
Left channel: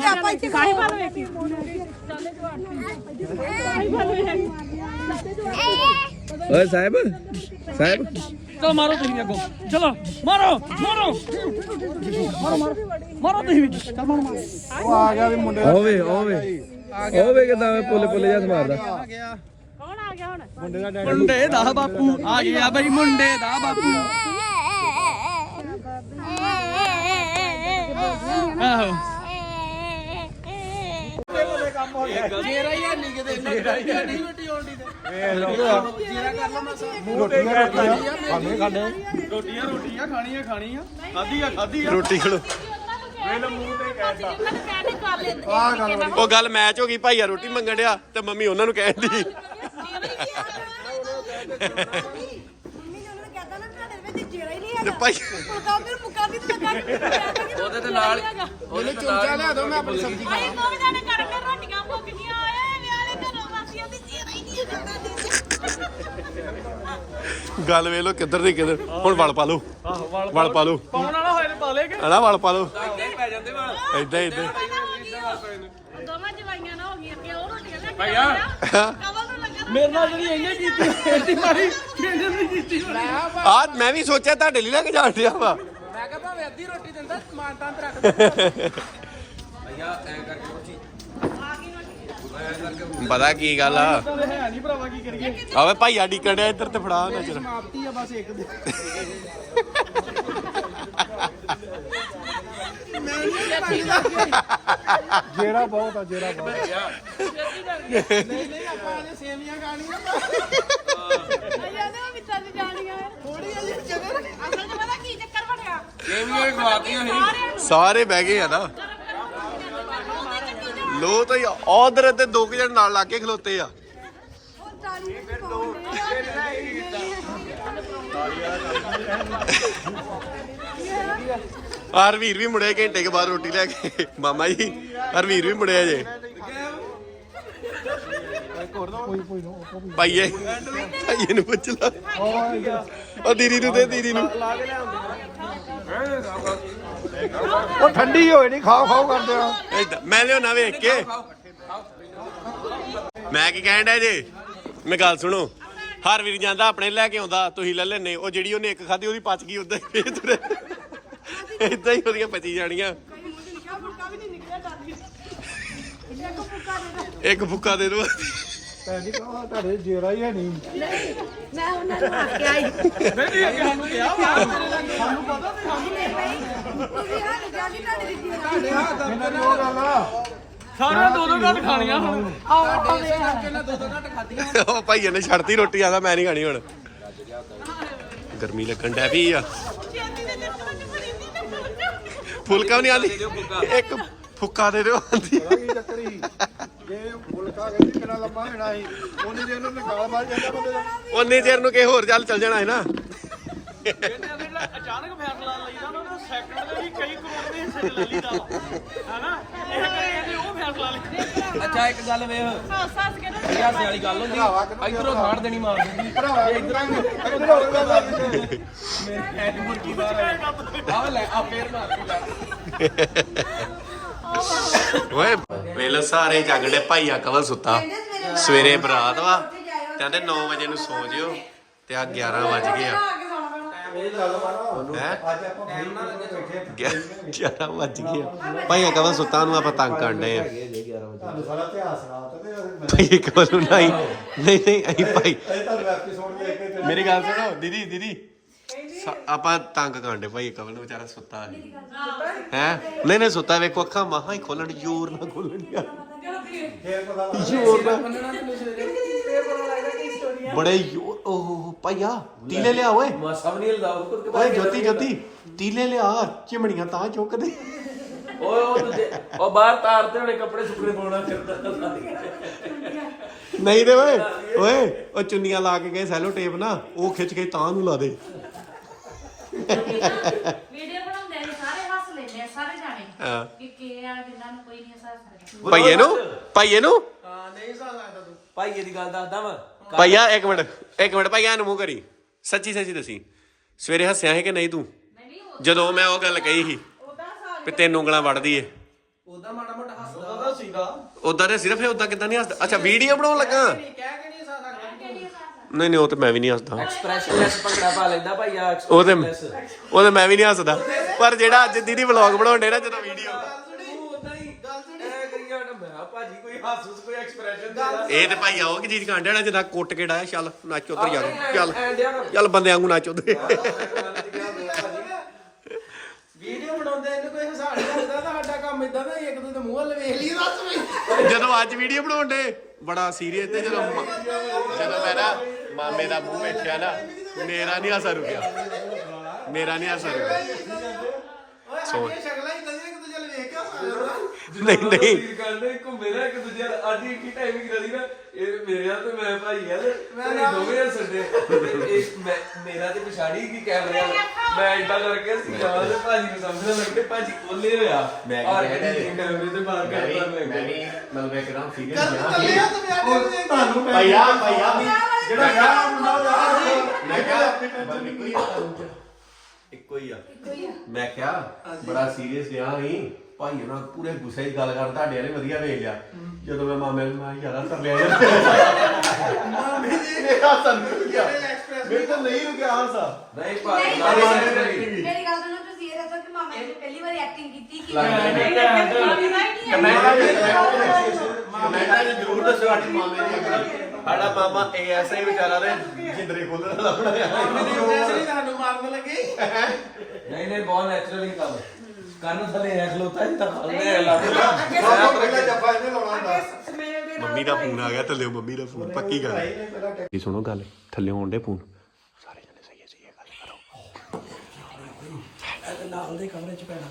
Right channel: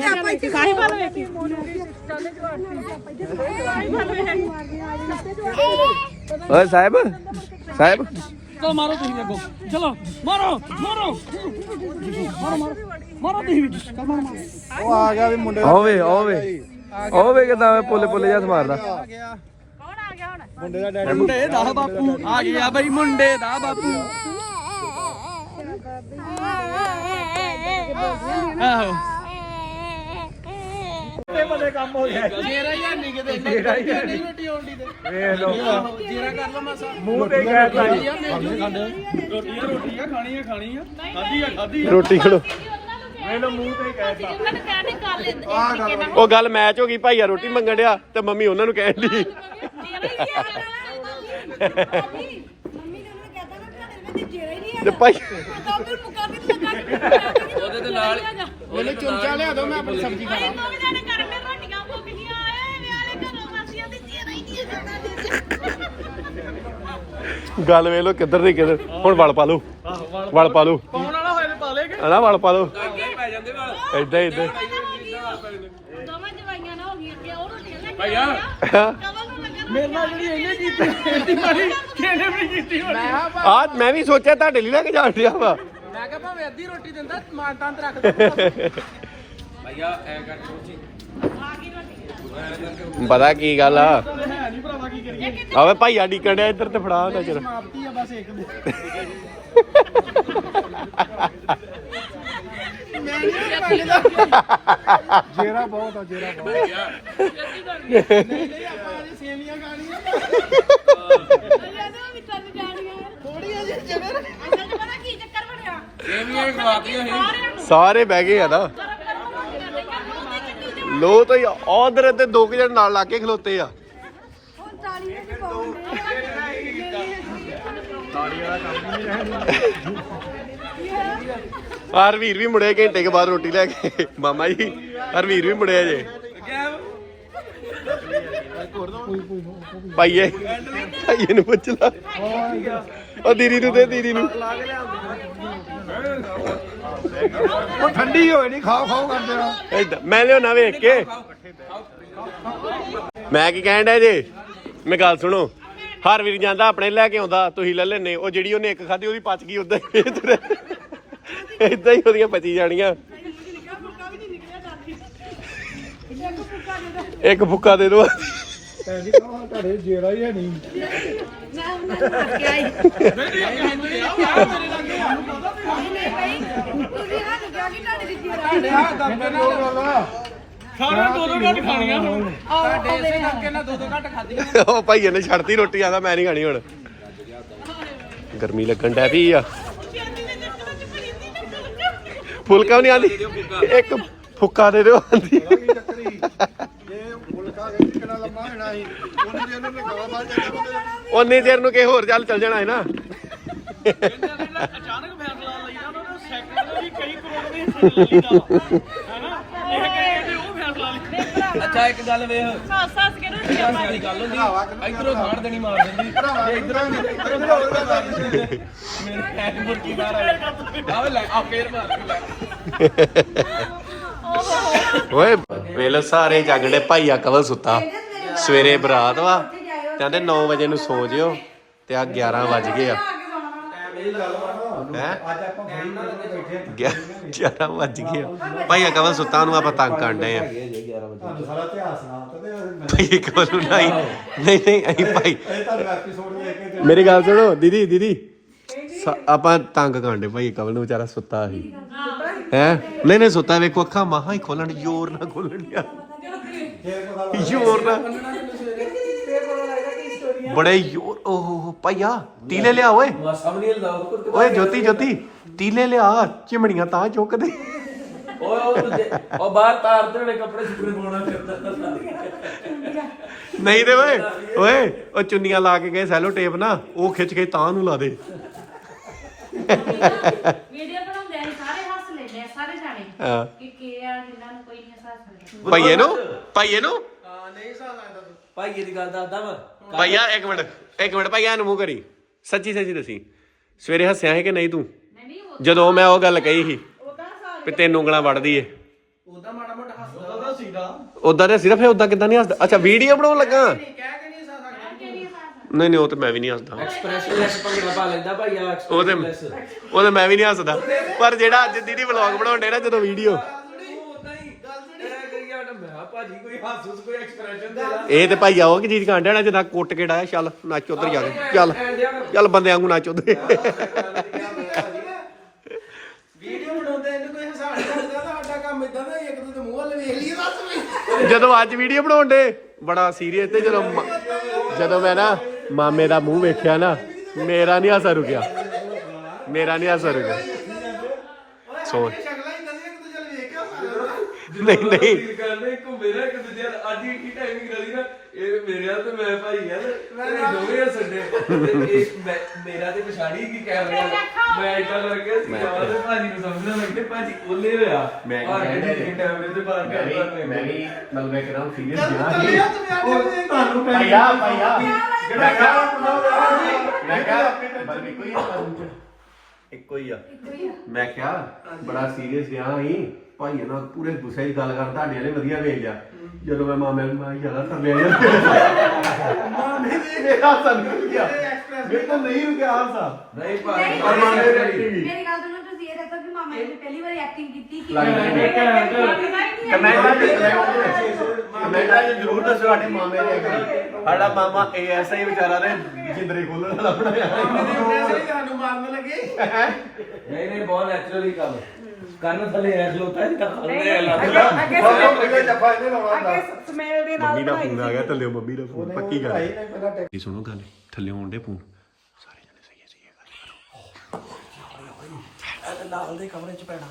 ਆਪਾਂ ਇੱਥੇ ਸਾਰੀ ਗੱਲ ਵੇਖੀ ਓਏ ਸਾਹਿਬ ਸਾਹਿਬ। ਚਲੋ ਮਾਰੋ ਤੁਸੀਂ ਅੱਗੋਂ। ਚਲੋ ਮਾਰੋ ਮਾਰੋ। ਮਾਰੋ ਮਾਰੋ। ਮਾਰੋ ਤੁਸੀਂ ਵੀ। ਚੱਲ ਮਾਰੋ। ਮਾਰੋ ਉਹ ਆ ਗਿਆ ਵੀ ਮੁੰਡੇ ਦਾ ਓਵੇ। ਓਵੇ ਓਵੇ ਕਿਦਾਂ ਪੁੱਲੇ ਪੁੱਲੇ ਜਿਹਾ ਮਾਰਦਾ ਆ ਗਿਆ ਮੁੰਡੇ ਦਾ ਡੈਡੀ। ਮੁੰਡੇ ਦਾ ਬਾਪੂ ਆ ਗਿਆ ਬਈ ਮੁੰਡੇ ਦਾ ਬਾਪੂ। ਆਹੋ। ਜੇਰਾ ਹੀ ਨਹੀਂ ਕਿਤੇ ਇੰਨਾ ਨਹੀਂ ਰੋਟੀ ਆਉਂਦੀ ਤੇ। ਜੇਰਾ ਕਰ ਲਓ ਮਾਸਾ। ਰੋਟੀਆਂ ਰੋਟੀਆਂ ਖਾਣੀਆਂ ਖਾਣੀਆਂ। ਖਾਧੀ ਆ ਖਾਧੀ ਆ। ਰੋਟੀ ਖੜੋ। ਉਹਨਾਂ ਨੂੰ ਕਹਿੰਦੇ ਕਰ ਲੈਂਦੇ ਇਹ ਤਰੀਕੇ ਨਾਲ। ਉਹ ਗੱਲ ਮੈਚ ਹੋ ਗਈ ਭਾਈਆ ਰੋਟੀ ਮੰਗਣ ਡਿਆ ਤੇ ਮੰਮੀ ਉਹਨਾਂ ਨੂੰ ਕਹਿੰਦੀ ਮੰਮੀ ਨੇ ਉਹਨੂੰ ਕਹਤਾ ਨਾ ਤੁਹਾਡੇ ਵਿੱਚ ਜੇਰਾ ਹੀ ਨਹੀਂ ਤੇ ਭਾਈ ਮੁਕਾਬਲ ਮੁਕਾਬਲ ਲੱਗਾ ਉਹਦੇ ਤੇ ਨਾਲ ਉਹਨੇ ਚੁੰਚਾ ਲਿਆ ਦੋ ਮੈਂ ਆਪਣੀ ਸਬਜ਼ੀ ਅਰੇ ਦੋ ਜਾਣੇ ਕਰ ਲੈ ਰੋਟੀਆਂ ਮੁੱਕਦੀਆਂ ਏ ਵਿਆਲੇ ਘਰੋਂ ਵਾਸੀਆਂ ਦੀ ਚੀਰਾ ਹੀ ਨਹੀਂ ਕਰਦਾ ਦੇ ਗੱਲ ਵੇਖ ਲੋ ਕਿੱਧਰ ਦੀ ਕਿੱਧਰ। ਹੁਣ ਵਲ ਪਾ ਲਓ। ਵਲ ਪਾ ਲਓ। ਹਣਾ ਵਲ ਪਾ ਲਓ। ਦੋਵਾਂ ਜਵਾਈਆਂ ਨਾ ਹੋ ਗਈਆਂ ਕਿ ਉਹ ਰੋਟੀਆਂ ਲੈ ਕੇ ਆਇਆ ਕਵਲ ਨੂੰ ਲੱਗਾ ਮੇਰੇ ਨਾਲ ਜਿਹੜੀ ਇਹਨੇ ਕੀਤੀ ਕਿਹਨੇ ਵੀ ਕੀਤੀ ਹੋਣੀ? ਆ ਮੈਂ ਵੀ ਸੋਚਿਆ ਤੁਹਾਡੇ ਲਈ ਲੈ ਕੇ ਜਾਣ ਡਿਆ ਵਾ। ਮੈਂ ਕਿਹਾ ਭਾਵੇਂ ਅੱਧੀ ਰੋਟੀ ਦਿੰਦਾ ਸਮਾਨ ਤਾਂ ਰੱਖ ਭਈਆ ਐ ਕਰਕੇ ਕੁਛੀ ਪਤਾ ਕੀ ਗੱਲ ਆ? ਆਵੇ ਭਾਈਆ ਡੀਕਣ ਡਿਆ ਇੱਧਰ ਤੇ ਫੜਾ ਨਜ਼ਰ ਸਮਾਪਤੀ ਆ ਬਸ ਇੱਕ ਦੇ। ਜੇਰਾ ਬਹੁਤ ਆ ਜੇਰਾ ਬਹੁਤ। ਨਹੀਂ ਨਹੀਂ ਆਪਾਂ ਅਜੇ ਸੇਵੀਆਂ ਖਾਣੀਆਂ। ਥੋੜੀ ਜਿਹੀ ਜਗ੍ਹਾ ਅਸਲ 'ਚ ਪਤਾ ਕੀ ਚੱਕਰ ਬਣਿਆ ਇਹ ਖਵਾਤੀਆਂ ਸੀ ਸਾਰਿਆਂ ਨੂੰ ਸਾਰੇ ਬਹਿ ਗਏ ਆ ਨਾ। ਲੋ ਤਾਂ ਉਧਰ ਤੇ ਦੋ ਕੁ ਜਣ ਨਾਲ ਲਾ ਕੇ ਖਲੋਤੇ ਆ। ਹਰਵੀਰ ਵੀ ਮੁੜਿਆ ਘੰਟੇ ਕੇ ਬਾਅਦ ਰੋਟੀ ਲੈ ਕੇ। ਮਾਮਾ ਜੀ ਹਰਵੀਰ ਵੀ ਮੁੜਿਆ ਜੇ। ਭਾਈਏ ਭਾਈਏ ਨੂੰ ਪੁੱਛ ਲਾ। ਉਹ ਦੀਦੀ ਨੂੰ ਤੇ ਦੀਦੀ ਨੂੰ। ਉਹ ਠੰਡੀ ਹੋਏ ਨਹੀਂ ਖਾਓ ਖਾਓ ਕਰਦੇ ਆ। ਏਦਾਂ ਮੈਂ ਲਿਆਉਣਾ ਵੇਖ ਕੇ। ਮੈਂ ਕੀ ਕਹਿਣ ਡਿਆ ਜੇ? ਮੈਂ ਗੱਲ ਸੁਣੋ। ਹਰ ਵੀਰ ਜਾਂਦਾ ਆਪਣੇ ਲੈ ਕੇ ਆਉਂਦਾ ਤੁਸੀਂ ਲੈ ਲੈਨੇ ਉਹ ਜਿਹੜੀ ਉਹਨੇ ਇੱਕ ਖਾਧੀ ਉਹਦੀ ਪਚ ਗਈ ਉਦਾਂ ਹੀ ਫੇਰ ਤੁਰੇ ਇਦਾਂ ਹੀ ਉਹਦੀਆਂ ਪਚੀ ਜਾਣੀਆਂ। ਇੱਕ ਫੁੱਕਾ ਦੇ ਦੋ। ਭੈਣ ਕਹੋ ਤੁਹਾਡੇ ਜੇਰਾ ਹੀ ਹੈ ਨਹੀਂ। ਮੈਂ ਉਹਨਾਂ ਨੂੰ ਰੱਖ ਕੇ ਆਈ ਤੁਸੀਂ ਸਾਨੂੰ ਕਿਹਾ ਕਿ ਤੁਹਾਡੇ ਦੀ ਇਹਨਾਂ ਦੀ ਉਹ ਗੱਲ ਆ ਸਾਡਾ ਦੋ ਦੋ ਘੱਟ ਖਾਣੀਆਂ ਹੁਣ। ਉਹ ਭਾਈਏ ਨੇ ਛੱਡਤੀ ਰੋਟੀ ਆਦਾ ਮੈਂ ਨਹੀਂ ਖਾਣੀ ਹੁਣ। ਗਰਮੀ ਲੱਗਣ ਡੈ ਪਈ ਆ ਛੇਤੀ ਦੇ ਚੱਕਰਾਂ 'ਚ ਫੜੀ ਸੀ ਤਾਂ ਫੁਲਕਾ ਵੀ ਨਹੀਂ ਆਂਦੀ ਇੱਕ ਫੁੱਕਾ ਦੇ ਦਿਓ ਆਂਦੀ ਉਹਨੇ ਜੇ ਇਹਨੂੰ ਨਿਕਾਲਾ ਬਾਹਰ ਜਾਂਦਾ ਬੰਦੇ ਉਹਨੇ ਚਿਰ ਨੂੰ ਕਿਸੇ ਹੋਰ ਚੱਲ ਚੱਲ ਜਾਣਾ ਹੈ ਨਾ। ਅਚਾਨਕ ਫੈਸਲਾ ਲਈਦਾ ਉਹਨਾਂ ਨੂੰ ਸੈਕੰਡ ਦੇ ਵੀ ਕਈ ਕਰੋੜ ਦੇ ਹਿੱਸੇ ਲਈਦਾ ਹੈਨਾ ਇਹ ਕਹਿੰਦੇ ਉਹ ਫੈਸਲਾ ਲਈ ਅੱਛਾ ਇੱਕ ਗੱਲ ਵੇਖ। ਸੱਸ ਸੱਸ ਕੇ ਰੋਟੀ ਯਾਰ ਵਾਲੀ ਗੱਲ ਹੁੰਦੀ ਇਧਰੋਂ ਖਾੜ ਦੇਣੀ ਮਾਰ ਦਿੰਦੀ ਤੇ ਇਧਰੋਂ ਨਹੀਂ ਇਧਰੋਂ ਖਾੜ ਕੇ ਮਾਰ ਦਿੰਦੀ ਮੇਰੇ ਐ ਮੁਰਗੀ ਮਾਰ ਆਵੇ ਲੈ ਆ ਫੇਰ ਮਾਰ ਲੈ। ਓਏ ਵੇਲੇ ਸਾਰੇ ਜਾਗੜੇ ਭਾਈਆ ਕਵਲ ਸੁੱਤਾ। ਸਵੇਰੇ ਬਰਾਤ ਵਾ ਕਹਿੰਦੇ 9 ਵਜੇ ਨੂੰ ਸੋ ਜਿਓ ਤੇ ਆ 11 ਵੱਜ ਗਏ ਆ। ਇਹ ਗੱਲ ਮਾਨੋ ਹੈ ਅੱਜ ਆਪਾਂ ਬੜੀ ਨਾਲ ਬੈਠੇ ਆ। 11 ਵੱਜ ਗਏ ਆ। ਭਾਈ ਕਵਲ ਸੁੱਤਾ ਨੂੰ ਆਪਾਂ ਤੰਗ ਕਰਨ ਡਏ ਆ। ਤੁਹਾਨੂੰ ਸਾਰਾ ਇਤਿਹਾਸ ਸੁਣਾਤਾ ਤੇ ਮੈਂ- ਭਾਈ ਕਵਲ ਨੂੰ ਨਹੀਂ ਨਹੀਂ ਨਹੀਂ ਅਸੀਂ ਭਾਈ ਇਹ ਤੁਹਾਨੂੰ ਐਪੀਸੋਡ ਵੇਖ ਕੇ ਮੇਰੀ ਗੱਲ ਸੁਣੋ ਦੀਦੀ ਦੀਦੀ। ਸ- ਆਪਾਂ ਤੰਗ ਕਰਨ ਡੇ ਭਾਈ ਕਵਲ ਨੂੰ ਵਿਚਾਰਾ ਸੁੱਤਾ ਸੀ। ਹੈ। ਨਹੀਂ ਨਹੀਂ ਸੁੱਤਾ ਵੇਖੋ ਅੱਖਾਂ ਮਾਹਾਂ ਹੀ ਖੋਲਣ ਜ਼ੋਰ ਨਾਲ ਖੋਲਣ ਯਾਰ ਜ਼ੋਰ ਨਾਲ। ਬੜੇ ਜ਼ੋਰ ਓਹ ਭਾਈਆ ਟੀਲੇ ਲਿਆ ਓਏ। ਨਹੀਂ ਓਏ ਜੋਤੀ ਜੋਤੀ ਟੀਲੇ ਲਿਆ ਚਿਮਣੀਆਂ ਤਾਂ ਚੁੱਕਦੇ। ਓਏ ਉਹ ਦੂਜੇ ਉਹ ਬਾਹਰ ਤਾਰਦੇ ਹੋਣੇ ਕੱਪੜੇ ਸੁੱਕਣੇ ਪਾਉਣਾ ਫਿਰਦਾ। ਨਹੀਂ ਤੇ ਓਏ ਓਏ ਉਹ ਚੁੰਨੀਆਂ ਲਾ ਕੇ ਗਏ ਸੈਲੋ ਟੇਪ ਨਾ ਉਹ ਖਿੱਚ ਕੇ ਤਾਂ ਨੂੰ ਲਾ ਦੇ। ਵੀਡੀਓ ਬਣਾਉਂਦੇ ਨੇ ਸਾਰੇ ਹੱਸ ਲੈਂਦੇ ਆ ਸਾਰੇ ਜਾਣੇ। ਹਾਂ। ਕਿ ਕੀ ਆ ਕਿੰਨਾ ਨੂੰ ਕੋਈ ਨਹੀਂ ਹੱਸ ਸਕਦਾ। ਭਾਈਏ ਨੂੰ ਭਾਈਏ ਨੂੰ। ਭਾਈਏ ਦੀ ਗੱਲ ਦੱਸਦਾ ਵਾ ਭਾਈਆ ਇੱਕ ਮਿੰਟ ਇੱਕ ਮਿੰਟ ਭਾਈਆ ਨੂੰ ਮੂੰਹ ਕਰੀ। ਸੱਚੀ ਸੱਚੀ ਦੱਸੀ। ਸਵੇਰੇ ਹੱਸਿਆ ਹੈ ਕਿ ਨਹੀਂ ਤੂੰ? ਜਦੋਂ ਮੈਂ ਉਹ ਗੱਲ ਕਹੀ ਸੀ ਵੀ ਤੈਨੂੰ ਉਂਗਲਾਂ ਵੜਦੀ ਏ। ਉਹਦਾ ਮਾੜਾ ਮੋਟਾ ਹੱਸਦਾ ਉਹਦਾ ਸੀਦਾ ਉਦਾਂ ਤੇ ਸਿਰਫ ਉਦਾਂ ਕਿਦਾਂ ਨਹੀਂ ਹੱਸਦਾ? ਅੱਛਾ ਵੀਡੀਓ ਬਣਾਉਣ ਲੱਗਾ? ਕਹਿ ਕੇ ਨਹੀਂ ਹੱਸਦਾ ਨਹੀਂ ਨਹੀਂ ਉਹ ਤੇ ਮੈਂ ਵੀ ਨਹੀਂ ਹੱਸਦਾ। ਐਕਸਪ੍ਰੈਸ਼ਨਲੈਸ ਭੰਗੜਾ ਪਾ ਲੈਂਦਾ ਭਾਈਆ ਉਹ ਤੇ ਉਹ ਤੇ ਮੈਂ ਵੀ ਨਹੀਂ ਹੱਸਦਾ। ਪਰ ਜਿਹੜਾ ਅੱਜ ਦੀਦੀ ਵਲੌਗ ਬਣਾਉਂਦੇ ਨਾ ਜਦੋਂ ਵੀਡੀਓ ਮੈਂ ਭਾਜੀ ਕੋਈ ਹਾਸੂਸ ਕੋਈ ਐਕਸਪ੍ਰੈਸ਼ਨ ਦੇ ਇਹ ਤੇ ਭਾਈਆ ਉਹ ਕੀ ਚੀਜ਼ ਕਾਂਡਿਆ ਜਿੱਦਾਂ ਕੁੱਟ ਕੇ ਡਾਇਆ ਚੱਲ ਨੱਚ ਉਧਰ ਜਾ ਕੇ। ਚੱਲ ਚੱਲ ਬੰਦੇ ਵਾਂਗੂ ਨੱਚ ਉਧਰ। ਵੀਡੀਓ ਬਣਾਉਂਦੇ ਇਹਨੂੰ ਕੋਈ ਹਿਸਾਬ ਨਹੀਂ ਕਰਦਾ ਤਾਂ ਸਾਡਾ ਕੰਮ ਇਦਾਂ ਦਾ ਇੱਕ ਦੂਜੇ ਦੇ ਮੂੰਹ ਵੱਲ ਵੇਖ ਲਈ ਦੱਸ ਵੀ ਜਦੋਂ ਅੱਜ ਵੀਡੀਓ ਬਣਾਉਂਦੇ ਬੜਾ ਸੀਰੀਅਸ ਤੇ ਜਦੋਂ ਜਦੋਂ ਮੈਂ ਨਾ ਮਾਮੇ ਦਾ ਮੂੰਹ ਵੇਖਿਆ ਨਾ ਮੇਰਾ ਨਹੀਂ ਹਾਸਾ ਰੁਕਿਆ। ਮੇਰਾ ਨਹੀਂ ਹਾਸਾ ਰੁਕਿਆ। ਸੋਚ ਸ਼ਕਲਾਂ ਹੀ ਦਜੀ ਇੱਕ ਦੂਜੇ ਵੱਲ ਵੇਖ ਕੇ ਹੱਸਦਾ ਨਹੀਂ ਨਹੀਂ। ਤੀਰ ਕਰਦੇ ਘੁੰਮੇ ਨਾ ਇੱਕ ਦੂਜੇ ਨਾਲ ਆਡੀ ਕੀ ਟਾਈਮਿੰਗ ਕਰੀ ਨਾ ਇਹ ਮੇਰੇ ਆ ਤੇ ਮੈਂ ਭਾਈ ਆ ਤੇ ਮੈਂ ਦੋਵੇਂ ਆ ਸੰਡੇ। ਇਹ ਮੈਂ ਮੇਰਾ ਤੇ ਪਛਾੜੀ ਕੀ ਕਹਿ ਰਿਹਾ। ਮੈਂ ਇਦਾਂ ਕਰਕੇ ਸੀ ਆ ਤੇ ਭਾਜੀ ਨੂੰ ਸਮਝਣ ਲੱਗੇ ਭਾਜੀ ਕੋਲੇ ਹੋਇਆ। ਮੈਂ ਕੀ ਕਹਿ ਰਿਹਾ ਜੀ? ਕੈਮਰੇ ਤੇ ਬਾਤ ਕਰ ਮੈਂ ਵੀ ਮਤਲਬ ਇੱਕਦਮ ਸੀਰੀਅਸ ਗਿਆ ਸੀ ਤੁਹਾਨੂੰ ਮੈਂ ਭਈਆ ਭਈਆ ਜਿਹੜਾ ਗਾਣਾ ਮੁੰਡਾ ਉਹਦੇ ਮੈਂ ਕਿਹਾ ਬਲ ਵੀ ਕੋਈ ਆ। ਇੱਕੋ ਹੀ ਆ। ਮੈਂ ਕਿਹਾ ਬੜਾ ਸੀਰੀਅਸ ਗਿਆ ਸੀ। ਭਾਈ ਨਾਲ ਪੂਰੇ ਗੁੱਸੇ ਦੀ ਗੱਲ ਕਰ ਤੁਹਾਡੇ ਨੇ ਵਧੀਆ ਵੇਖ ਲਿਆ। ਜਦੋਂ ਮੈਂ ਮਾਮੇ ਨੂੰ ਮੈਂ ਯਾਰਾ ਕਰ ਲਿਆ ਯਾਰ। ਮੇਰਾ ਹੱਸਣ ਗਿਆ। ਮੇਰੇ ਤੋਂ ਨਹੀਂ ਰੁਕਿਆ ਹਾਸਾ। ਨਹੀਂ ਨਹੀਂ, ਪਰ ਮਾਮੇ ਐਕਟਿੰਗ ਮੇਰੀ ਗੱਲ ਸੁਣੋ ਤੁਸੀਂ ਇਹ ਦੱਸੋ ਕਿ ਮਾਮਾ ਜੀ ਨੇ ਪਹਿਲੀ ਵਾਰੀ ਐਕਟਿੰਗ ਕੀਤੀ ਕਿ ਲੱਗਦਾ ਹੀ ਕਮੈਂਟਾਂ 'ਚ ਕਮੈਂਟਾਂ 'ਚ ਜ਼ਰੂਰ ਦੱਸੋ ਸਾਡੇ ਮਾਮੇ ਨੇ ਐਕਟਿੰਗ ਸਾਡਾ ਮਾਮਾ ਇਹ ਐਸਾ ਹੀ ਵਿਚਾਰਾ ਨੇ ਜਿੰਦਰੇ ਖੋਲਣ ਵਾਲਾ ਬਣਾਇਆ। ਤੁਹਾਨੂੰ ਮਾਰਨ ਲੱਗੇ ਨਹੀਂ ਨਹੀਂ ਬਹੁਤ ਨੈਚੁਰਲੀ ਕੰਮ ਕਰਨ ਥੱਲੇ ਐਸ ਲੋਤਾ ਹੀ ਤਾਂ ਫਲਨੇ ਲੱਗਦਾ ਸਭ ਤੋਂ ਪਹਿਲਾਂ ਜੱਫਾ ਇਹਨੇ ਲਾਉਣਾ ਹੁੰਦਾ ਮੰਮੀ ਦਾ ਫੋਨ ਆ ਗਿਆ ਥੱਲੇ ਮੰਮੀ ਦਾ ਫੋਨ ਪੱਕੀ ਗੱਲ ਕੀ ਸੁਣੋ ਗੱਲ ਥੱਲੇ ਆਉਣ ਦੇ ਫੋਨ। ਸਾਰੇ ਜਣੇ ਸਹੀ ਸਹੀ ਗੱਲ ਕਰੋ। ਨਾਲ ਦੇ ਕਮਰੇ 'ਚ ਪੈਣਾ।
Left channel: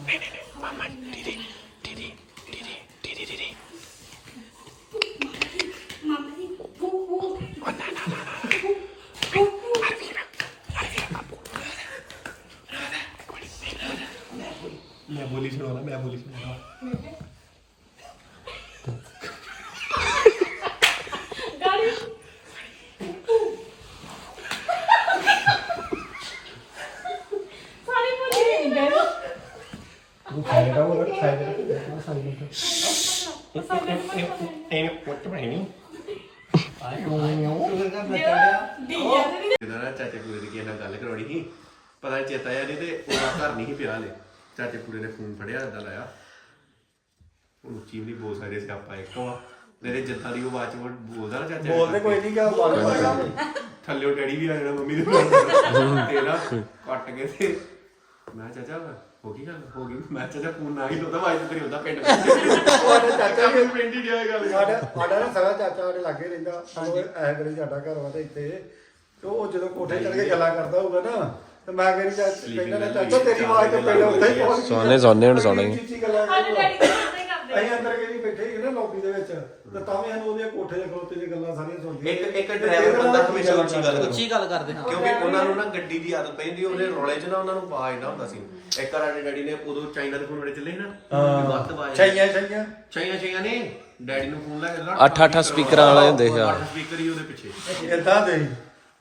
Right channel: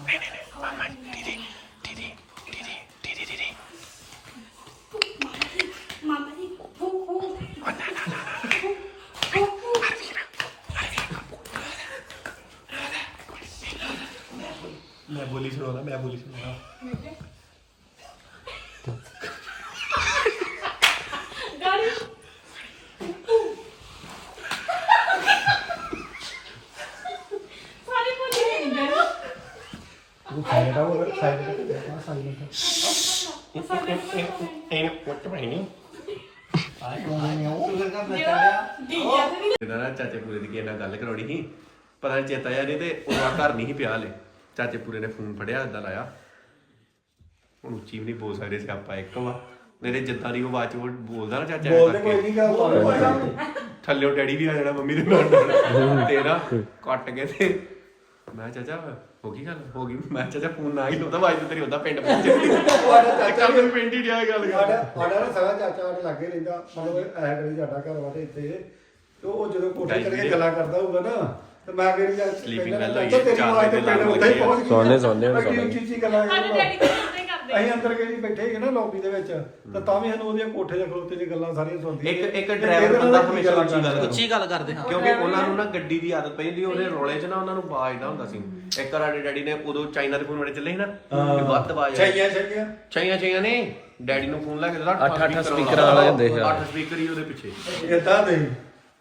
ਮਾਮਾ ਜੀ ਫੂ ਫੂ ਮੈਂ ਬੋਲੀ ਸੁਣਾਉਣਾ ਮੈਂ ਬੋਲੀ ਸੁਣਾਉਣਾ ਸਾਰੇ ਬੋਲੀ ਗਏ ਉਹ ਖਾਏਗਾ ਉਹ ਖਾਏਗਾ ਦੇਖਣਾ ਸਾਈਲੈਂਟ ਇਹ ਪੁੱਤ ਬਣੀ ਇਹਦਾ ਨਾ ਚਾਚੇ ਪੂਰੇ ਦੀ ਕਿਸੇ ਨਾਲ ਗੱਲ ਕਰਾਉਣੀ ਸੀ ਪਤਾ ਨਹੀਂ ਚੇਤਾ ਆ ਨਹੀਂ ਤੇ ਉਹਦਾ ਘਰ ਨਹੀਂ ਸੀ ਪਿਆ ਹਲੇ। ਚਾਚੇ ਪੂਰੇ ਨੇ ਫੋਨ ਫੜਿਆ ਏਦਾਂ ਲਾਇਆ। ਹੁਣ ਉੱਚੀ ਵੀ ਨਹੀਂ ਬੋਲ ਸਕਦੇ ਸੀ ਆਪਾਂ ਇੱਕ ਵਾ ਨਹੀਂ ਤੇ ਜਿੱਦਾਂ ਦੀ ਉਹ ਆਵਾਜ਼ ਚ ਉਹ ਬੋਲਦਾ ਨਾ ਚਾਚਾ ਐਂ ਬੋਲਦੇ ਕਰਕੇ। ਕੋਈ ਨਹੀਂ ਗਿਆ ਥੱਲਿਓ ਡੈਡੀ ਵੀ ਆ ਜਾਣਾ ਮੰਮੀ ਦੇ ਨਾਲ। ਤੇ ਨਾ ਕੱਟ ਕੇ ਤੇ ਮੈਂ ਕਿਹਾ, ਚਾਚਾ ਹੋ ਗਈ ਗੱਲ? ਹੋ ਗਈ। ਮੈਂ ਚਾਚਾ ਫੋਨ ਨਾ ਹੀ ਲਾਉਂਦਾ ਆਵਾਜ਼ ਤੇ ਤੇਰੀ ਹੁੰਦਾ ਪਿੰਡ ਪਹੁੰਚੇ ਚਾਚਾ ਪਿੰਡ ਹੀ ਡਿਆ ਗੱਲ ਕਰ ਸਾਡਾ ਸਾਡਾ ਨਾ ਸਾਡਾ ਚਾਚਾ ਸਾਡੇ ਲਾਗੇ ਰਹਿੰਦਾ। ਸਾਨੂੰ ਐ ਕਰੀ ਸਾਡਾ ਘਰ ਵਾ ਤੇ ਇੱਥੇ। ਤੇ ਉਹ ਜਦੋਂ ਕੋਠੇ ਚੜ ਕੇ ਗੱਲਾਂ ਕਰਦਾ ਹੋਊਗਾ ਨਾ ਤੇ ਮੈਂ ਕਹਿੰਦਾ Sleeping well ਹੋਈ ਹੈ, ਤੇਰੀ ਆਵਾਜ਼ ਤੇ ਵਜੇ ਪਹਿਲਾਂ ਉੱਥੇ ਹੀ ਪਹੁੰਚ ਗਈ ਸੋਨੇ- ਸੋਨੇ ਹੁਣ ਸੋਣਾ। ਹੀ। ਉੱਚੀ ਉੱਚੀ ਗੱਲਾਂ ਕਰਦੇ ਅਸੀਂ ਅੰਦਰ ਕੇ ਬੈਠੇ ਸੀ ਨਾ ਲੌਬੀ ਦੇ ਵਿੱਚ ਤੇ ਤਾਂ ਵੀ ਸਾਨੂੰ ਉਹਦੀਆਂ ਕੋਠੇ ਦੇ ਖਲੋਤੇ ਦੀ ਗੱਲਾਂ ਸਾਰੀਆਂ ਸੁਣਦੀਆਂ ਇੱਕ ਇੱਕ ਤੇ ਡਰਾਈਵਰ ਨਾਲ ਕੀ ਹਮੇਸ਼ਾ ਉੱਚੀ ਗੱਲ ਕਰਦਾ? ਉੱਚੀ ਗੱਲ ਕਰਦੇ ਹਾਂ। ਕਿਉਂਕਿ ਉਹਨਾਂ ਨੂੰ ਨਾ ਗੱਡੀ ਦੀ ਆਦਤ ਪੈਂਦੀ ਉਹਦੇ ਰੋਲੇ 'ਚ ਨਾ ਉਹਨਾਂ ਨੂੰ ਆਵਾਜ਼ ਨਾ ਹੁੰਦਾ ਸੀ। ਇੱਕ ਵਾਰ ਸਾਡੇ ਡੈਡੀ ਨੇ ਉਦੋਂ ਚਾਈਨਾ ਦੇ ਫੋਨ ਵੜੇ ਚੱਲੇ ਸੀ ਨਾ ਵੀ ਵੱਧ ਆਵਾਜ਼ ਆਈ। ਚਾਹੀਏ ਚਾਹੀਏ ਚਾਈਆਂ ਚਾਈਆਂ ਨੇ। ਡੈਡੀ ਨੂੰ ਫੋਨ ਲਾ ਕੇ ਦਿੱਤਾ ਅੱਠ- ਅੱਠ ਸਪੀਕਰਾਂ ਵਾਲਾ ਹੁੰਦੇ ਸੀ। ਅੱਠ ਸਪੀਕਰ ਹੀ ਉਹਦੇ ਪਿੱਛੇ। ਕਿੱਦਾਂ ਦੇ?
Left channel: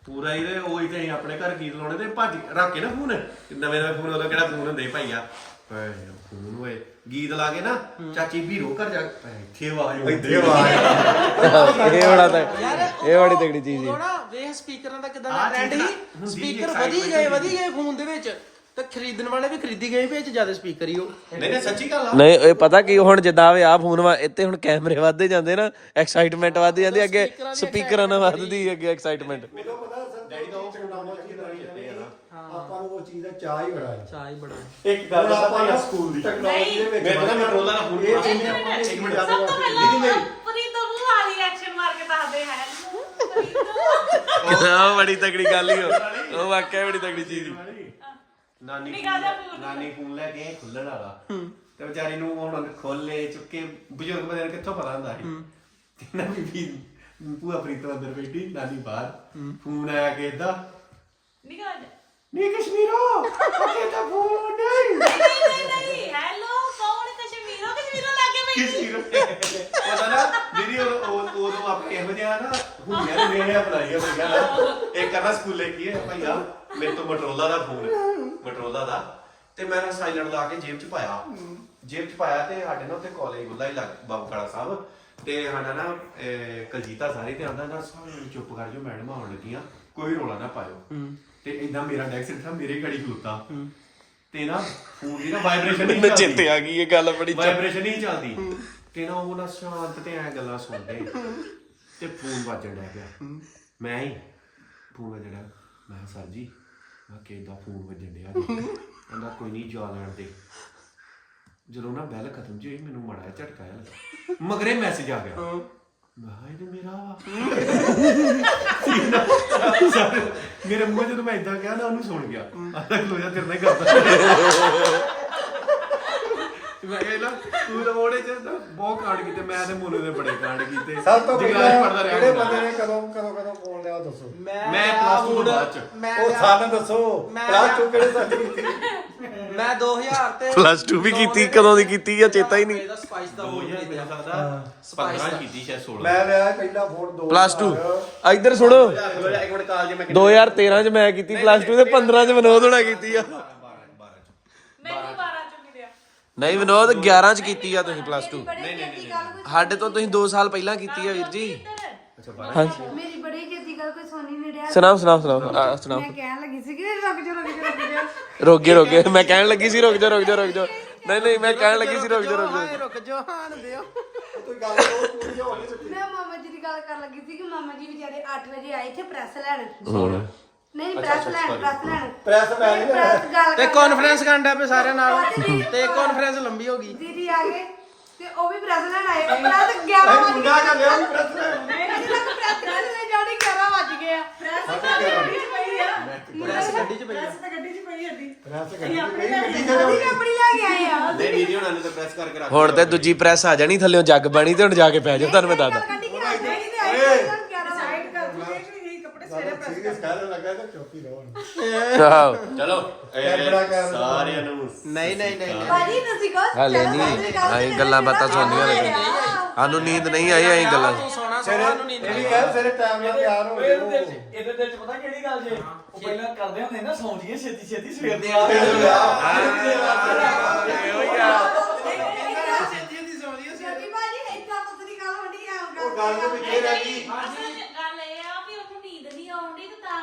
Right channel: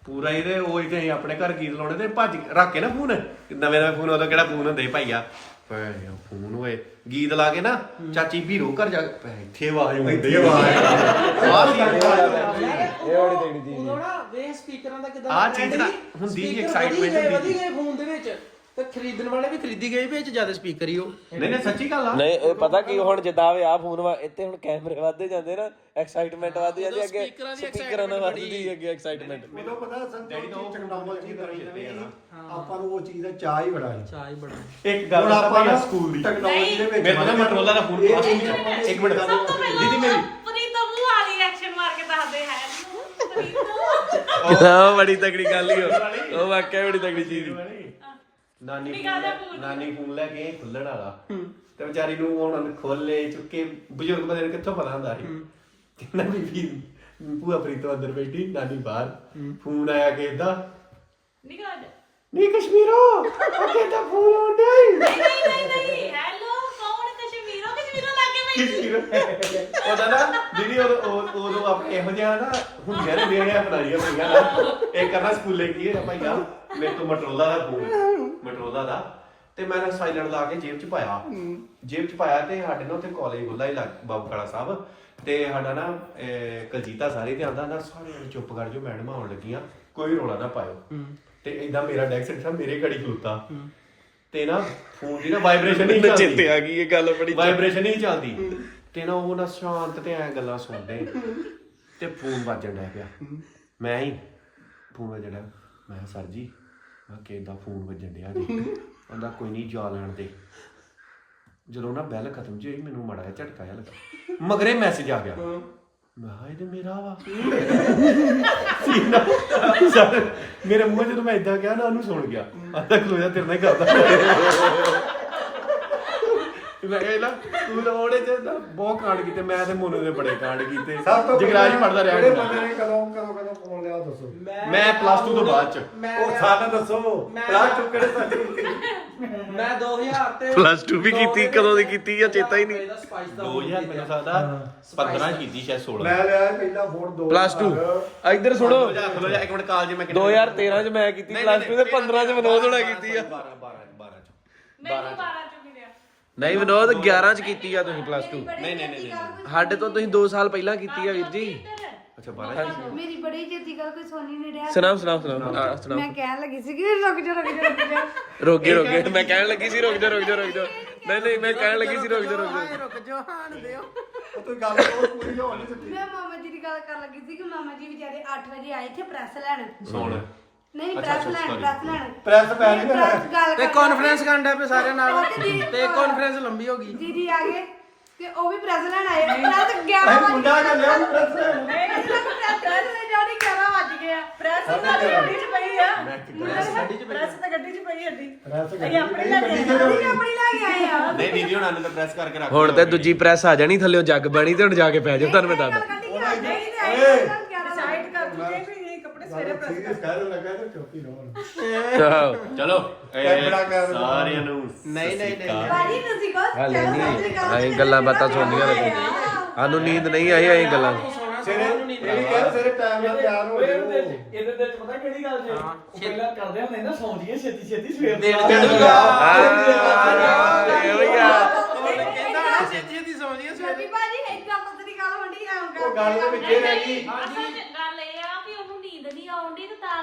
ਪੂਰਾ ਇਹਦੇ ਉਹ ਇੱਕ ਅਸੀਂ ਆਪਣੇ ਘਰ ਗੀਤ ਲਾਉਣੇ ਤੇ ਭੱਜ ਰੱਖ ਕੇ ਨਾ ਫੋਨ। ਨਵੇਂ ਨਵੇਂ ਫੋਨ ਉਦੋਂ ਕਿਹੜਾ ਫੋਨ ਹੁੰਦੇ ਸੀ ਭਾਈਆ? ਪੈ ਫੋਨ ਹੋਏ ਗੀਤ ਲਾ ਕੇ ਨਾ ਚਾਚੀ ਵੀਰੋ ਘਰ ਜਾ ਕੇ ਇੱਥੇ ਆਵਾਜ਼ ਹੁੰਦੀ ਹੀ ਆਵਾਜ਼ ਇਹ ਬੜਾ ਇਹ ਬੜੀ ਤਗੜੀ ਚੀਜ਼ ਉਹ ਨਾ ਵੇਖ ਸਪੀਕਰਾਂ ਦਾ ਕਿਦਾਂ ਆਹ ਚੀਜ਼ ਨਾ ਹੁੰਦੀ excitement ਹੁੰਦੀ ਗਏ ਫੋਨ ਦੇ ਵਿੱਚ। ਖਰੀਦਣ ਵਾਲੇ ਵੀ ਖਰੀਦੀ ਗਏ ਵੀ ਇਹ ਚ ਜ਼ਿਆਦਾ ਸਪੀਕਰ ਹੀ ਉਹ। ਨਹੀਂ ਨਹੀਂ ਸੱਚੀ ਗੱਲ ਆ। ਨਹੀਂ ਇਹ ਪਤਾ ਕੀ ਹੁਣ ਜਿੱਦਾਂ ਵੀ ਆ ਫੋਨ ਵਾ ਇੱਥੇ ਹੁਣ ਕੈਮਰੇ ਵੱਧਦੇ ਜਾਂਦੇ ਨਾ ਐਕਸਾਈਟਮੈਂਟ ਵੱਧਦੀ ਜਾਂਦੀ ਅੱਗੇ ਸਪੀਕਰਾਂ ਨਾਲ ਵੱਧਦੀ ਅੱਗੇ ਐਕਸਾਈਟਮੈਂਟ ਪਤਾ ਸਰ ਜਿਹੜੀ ਆਪਾਂ ਨੂੰ ਉਹ ਚੀਜ਼ ਦਾ ਚਾਹ ਹੀ ਬੜਾ ਹੈ। ਚਾਹ ਹੀ ਬੜਾ। ਇੱਕ ਗੱਲ ਆਪਾਂ ਨਾ ਸਕੂਲ ਦੀ। ਟੈਕਨੋਲੋਜੀ ਦੇ ਵਿੱਚ ਮੈਨੂੰ ਕੰਟਰੋਲਰ ਦਾ ਫੋਨ ਪਾਸ ਇੱਕ ਮਿੰਟ। ਦੀਦੀ ਮੇਰੀ ਪ੍ਰੀਤ ਦਾ ਮੂੰਹ ਵਾਲੀ ਰਿਐਕਸ਼ਨ ਮਾਰ ਕੇ ਦੱਸਦੇ ਹੈ। ਪ੍ਰੀਤ ਉਹ ਬੜੀ ਤਗੜੀ ਗੱਲ ਹੀ ਉਹ ਉਹ ਵਾਕਿਆ ਬੜੀ ਤਗੜੀ ਚੀਜ਼ ਨਾਨੀ ਫੋਨ ਨਾਨੀ ਫੋਨ ਲੈ ਕੇ ਖੁੱਲਣ ਵਾਲਾ। ਤੇ ਵਿਚਾਰੀ ਨੂੰ ਹੁਣ ਖੋਲੇ ਚੁੱਕੇ ਬਜ਼ੁਰਗ ਬੰਦੇ ਨੂੰ ਕਿੱਥੋਂ ਪਤਾ ਹੁੰਦਾ ਸੀ। ਕਿੰਨਾ ਬੀਬੀ ਭੂਆ ਪ੍ਰੀਤੋ ਅੰਦਰ ਬੈਠੀ ਨਾਨੀ ਬਾਹਰ। ਫੋਨ ਆਇਆ ਕਿ ਏਦਾਂ ਨਿਗਾਹ ਨਹੀਂ ਕਸ਼ਮੀਰੋ ਉਹ ਕਹਿੰਦਾ ਫੋਨ ਨਹੀਂ। ਨਹੀਂ ਹੈਲੋ ਕੌਣ? ਕਸ਼ਮੀਰੋ ਕਸ਼ਮੀਰੋ ਲੱਗੇ ਕਸ਼ਮੀਰੋ। ਉਹਦਾ ਨਾ ਦੀਦੀ ਉਦੋਂ ਉਦੋਂ- ਆਪਣੇ ਇਹੋ ਜਿਹਾ ਨਾ ਹੁੰਦੀਆਂ ਨੇ ਜਿਹੜੀਆਂ ਬਣਾਈਆਂ ਹੋਈਆਂ ਨਾ। ਇੱਕ ਕਹਿੰਦਾ ਸਕੂਲੇ ਕੀ ਹੈ ਭਾਈਆ ਮੇਰੇ ਤੋਂ ਮਟਰੋਲਾ ਦਾ ਫੋਨ। ਮਟਰੋਲਾ ਦਾ ਤੇ ਮੈਂ ਨਾ ਲਾ ਕੇ ਜੇਬ 'ਚ ਪਾਇਆ। ਜੇਬ 'ਚ ਪਾਇਆ ਤੇ ਸਾਡੇ ਨਾਲ ਉੱਥੇ ਕਾਲਜ ਗੁੱਲਾ ਹੀ ਲੱਗ ਬਾਬੂ ਕਾਲਾ ਸਾਹਿਬ ਤੇ ਸਾਡਾ ਨਾ ਅਹ, ਕਲਜੀਤਾ ਸਾਰੇ ਤੇ ਆਂਦਾ ਨਾ ਸਾਰੇ ਜਣੇ ਚੁੱਪ ਕਰ ਜਾਓ ਮੈਡਮ ਆਉਣ ਲੱਗੀਆਂ ਕੋਈ ਰੋਲਾ ਨਾ ਪਾਇਓ। ਤੇ ਇਦਾਂ ਮੇਰਾ ਡੈਕਸ ਇੱਥੇ ਮੇਰੇ ਘੜੀ ਖਲੋਤਾ। ਤੇ ਨਾ ਫੋਨ ਦੀ ਨਾ ਵਾਈਬ੍ਰੇਸ਼ਨ ਨਹੀਂ ਚੱਲਦੀ। ਚਿੱਤੇ ਆ ਗਈ ਇਹ ਗੱਲ ਬੜੀ ਵਾਈਬ੍ਰੇਸ਼ਨ ਨਹੀਂ ਚੱਲਦੀ। ਤੇ ਨਾ ਉਹ ਨਾ ਸ਼ਾਂਤ ਤੇ ਐ ਗੱਲਾਂ ਸੁਣਦੇ। ਤੇ ਫੋਨ ਵੱਜਣ ਲੱਗ ਪਿਆ ਮੈਂ ਹੀ ਫੋਨ ਵੱਜਣ ਮੈਂ ਕਿਹਾ, ਸਰ ਜੀ ਮੈਂ ਕਿਦਾਂ ਫੋਨ ਵੱਜਣ ਡਿਆ ਜੀ। ਕਹਿੰਦਾ ਕੋਈ ਨਹੀਂ ਜਾ ਲੈਣ ਦੇ। ਜਦੋਂ ਨਾ ਬੈਲ ਖਤਮ ਜੀ ਹੋਈ ਮੈਨੂੰ ਮੜਾ ਜਿਹਾ ਝਟਕਾ ਜਿਹਾ ਲੱਗਾ। ਮਗਰੇ ਮੈਸੇਜ ਆ ਗਿਆ। ਮੈਂ ਕਿਹਾ ਇਹ ਤੇ ਮੇਰਾ ਵਾ। ਸਰ, ਮੇਰੇ ਮੂੰਹ 'ਚ ਜਦੋਂ ਮੈਂ ਇਦਾਂ ਕਿਹਾ ਨਾ ਉਹਨੂੰ ਸੁਣ ਗਿਆ। ਆਂਦਾ ਖਲੋਇਆ ਤੇਰੇ ਨਾਲ ਹੀ ਕਰਦਾ। ਮੈਂ ਇਹ ਨਾ ਤੂੰ ਤਾਂ ਉਹਦੇ ਚ ਨਾ ਬਹੁਤ ਕਾਂਡ ਕੀਤੇ ਮੈਂ ਤੇ ਮੋਨੂ ਦੇ ਬੜੇ ਕਾਂਡ ਕੀਤੇ। ਜਗਰਾਜ ਪੜਦਾ ਰਿਹਾ ਕਿਹੜੇ। ਬੰਦੇ ਨੇ ਕਦੋਂ ਕਦੋਂ ਕਦੋਂ ਫੋਨ ਲਿਆ ਦੱਸੋ। ਮੈਂ ਪਲੱਸ 2 ਤੋਂ ਬਾਅਦ ਚ। ਉਹ ਸਾਨੂੰ ਦੱਸੋ। ਪਲਾਸ ਚੋਂ ਕਿਹੜੇ ਤੱਕ ਕੀਤੀ? ਮੈਂ 2000 ਤੇ ਪਲੱਸ 2 ਵੀ ਕੀਤੀ ਕਦੋਂ ਦੀ ਕੀਤੀ ਆ ਚੇਤਾ ਹੀ ਨਹੀਂ? ਇਹਦਾ ਸਪਾਈਸ ਦਾ 2000 ਮੈਨੂੰ ਸਕਦਾ 15 ਚ ਕੀਤੀ ਸ਼ਾਇਦ 16 ਮੈਂ ਲਿਆ ਪਹਿਲਾ ਫੋਨ ਦੋ ਪਲੱਸ 2 ਇੱਧਰ ਸੁਣੋ। ਇੱਕ ਮਿੰਟ ਕਾਲਜ ਮੈਂ 2013 ਚ ਮੈਂ ਕੀਤੀ ਪਲੱਸ 2 ਤੇ 15 ਚ ਵਿਨੋਦ ਹੋਣਾ ਕੀਤੀ ਆ। 12 12 12 ਚ। ਮੈਨੂੰ 12 ਚ। ਮਿਲਿਆ ਨਹੀਂ ਵਿਨੋਦ 11 ਚ ਕੀਤੀ ਆ ਤੁਸੀਂ ਪਲੱਸ 2 ਨਹੀਂ ਨਹੀਂ ਨਹੀਂ ਸਾਡੇ ਤੋਂ ਤੁਸੀਂ 2 ਸਾਲ ਪਹਿਲਾਂ ਕੀਤੀ ਆ ਵੀਰ ਜੀ। ਅੱਛਾ 12 ਹਾਂਜੀ ਮੇਰੀ ਬੜੀ ਜੇਤੀ ਗੱਲ ਕੋਈ ਸੋਨੀ ਨੇ ਰਿਹਾ ਸੁਣਾਓ ਸੁਣਾਓ ਸੁਣਾਓ ਆ, ਸੁਣਾਓ। ਮੈਂ ਕਹਿਣ ਲੱਗੀ ਸੀ ਕਿ ਰੁਕ ਜਾ ਰੁਕ ਜਾ ਰੁਕ ਜਾ। ਰੁਕ ਗਏ ਰੁਕ ਗਏ ਮੈਂ ਕਹਿਣ ਲੱਗੀ ਸੀ ਰੁਕ ਜਾ ਰੁਕ ਜਾ ਰੁਕ ਜਾ। ਨਹੀਂ ਨਹੀਂ ਮੈਂ ਕਹਿਣ ਲੱਗੀ ਸੀ ਰੁਕ ਜਾ ਰੁਕ ਜਾ। ਰੁਕ ਜਾ। ਰੁਕ ਜਾ ਹਾਣ ਦਿਓ ਤੂੰ ਗੱਲ ਤੂੰ ਜੋ ਹੋ ਗਈ ਮੈਂ ਮਾਮਾ ਜੀ ਦੀ ਗੱਲ ਕਰਨ ਲੱਗੀ ਸੀ ਕਿ ਮਾਮਾ ਜੀ ਵਿਚਾਰੇ 8 ਵਜੇ ਆਏ ਇੱਥੇ ਪ੍ਰੈਸ ਲੈਣ। ਹੁਣ ਨਹੀਂ ਪ੍ਰੈਸ ਲੈਣ ਪ੍ਰੈਸ ਲੈਣ। ਪ੍ਰੈਸ ਪੈ ਗਈ ਪ੍ਰੈਸ ਗੱਲ ਤੇ ਕਾਨਫਰੰਸ ਕਰਨ ਦਾ ਪਏ ਸਾਰੇ ਨਾਲ। ਤੇ ਦੀਦੀ- ਤੇ ਕਾਨਫਰੰਸ ਲੰਬੀ ਹੋ ਗਈ। ਦੀਦੀ ਆ ਗਏ ਤੇ ਉਹ ਵੀ ਪ੍ਰੈਸ ਲੈਣ ਆਏ ਪ੍ਰੈਸ 11 ਵਜੇ ਮੁੰਡਾ ਕਰ ਲਿਆ ਉਹ ਪ੍ਰੈਸ ਲੈਣ। ਨਹੀਂ ਨਹੀਂ ਪ੍ਰੈਸ ਲੈ ਜਾਣੀ 11 ਵਜ ਗਏ ਆ। ਪ੍ਰੈਸ ਤਾਂ ਗੱਡੀ ਚ ਪਈ ਆ। ਪ੍ਰੈਸ ਤਾਂ ਗੱਡੀ ਚ ਪਈ ਅੱਡੀ ਪ੍ਰੈਸ ਅਸੀਂ ਗੱਡੀ ਆਪਣੀ ਨਹੀਂ ਗੱਡੀ ਤੇ ਅਸੀਂ ਆਪਣੀ ਲੈ ਕੇ ਆਏ ਆ। ਨਹੀਂ ਦੀਦੀ ਹੁਣਾਂ ਨੂੰ ਤਾਂ ਪ੍ਰੈਸ ਕਰਕੇ ਰੱਖ ਹੁਣ ਤੇ ਦੂਜੀ ਪ੍ਰੈਸ ਆ ਜਾਣੀ ਥੱਲੇੋਂ ਜੱਗ ਬਣੀ ਤੇ ਹੁਣ ਜਾ ਕੇ ਪੈ ਜਾਓ ਤੁਹਾਨੂੰ ਮੈਂ ਦੱਸਦਾ ਗੱਡੀ ਕਿ ਆਈ ਨਹੀਂ ਤੇ ਆਈ ਸਾਈਡ ਕਰ ਸੀਰੀਅਸ ਕਹਿ ਲੱਗਾ ਤਾਂ ਚੁੱਪ ਹੀ ਰਹੋ ਆਹੋ। ਚਲੋ ਕਰ ਸਾਰਿਆਂ ਨੂੰ ਨਹੀਂ ਨਹੀਂ ਨਹੀਂ। ਭਾਜੀ ਤੁਸੀਂ ਕਹੋ ਹਾਲੇ ਨਹੀਂ ਅਸੀਂ ਗੱਲਾਂ ਬਾਤਾਂ ਸੁਣਨੀਆਂ ਲੱਗਾ ਸਾਨੂੰ ਨੀਂਦ ਨਹੀਂ ਆਈ ਅਸੀਂ ਗੱਲਾਂ। ਸੋਣਾ ਸੋਣਾ ਨੂੰ ਨਹੀਂ ਇਹ ਕਹਿ ਸਾਰੇ ਟਾਈਮ ਨਾਲ ਤਿਆਰ ਹੋ ਇਹਦੇ ਜਾਓ। ਵਿੱਚ ਇਹਦੇ ਵਿੱਚ ਪਤਾ ਕਿਹੜੀ ਗੱਲ ਜੇ? ਉਹ ਪਹਿਲਾਂ ਕਰਦੇ ਹੁੰਦੇ ਨਾ ਸੌਂ ਜੀਏ ਛੇਤੀ ਛੇਤੀ ਸਵੇਰ ਦੇ ਇਹੋ ਹੀ ਆ। ਛੇਤੀ ਛੇਤੀ ਸੌਂ ਜੀਏ ਕਿਉਂਕਿ ਭਾਜੀ ਇਦਾਂ ਪਤਲੀ ਗੱਲ ਹੁੰਦੀ ਆ ਉਹ ਗੱਲ ਦੇ ਵਿੱਚ ਇਹ ਰਹਿ ਗਈ। ਅਸਲ ਚ ਗੱਲ ਇਹ ਆ ਕਿ ਉਹਨੂੰ ਨੀਂਦ ਨਹੀਂ ਆਉਂਦੀ ਤੇ ਤਾਂ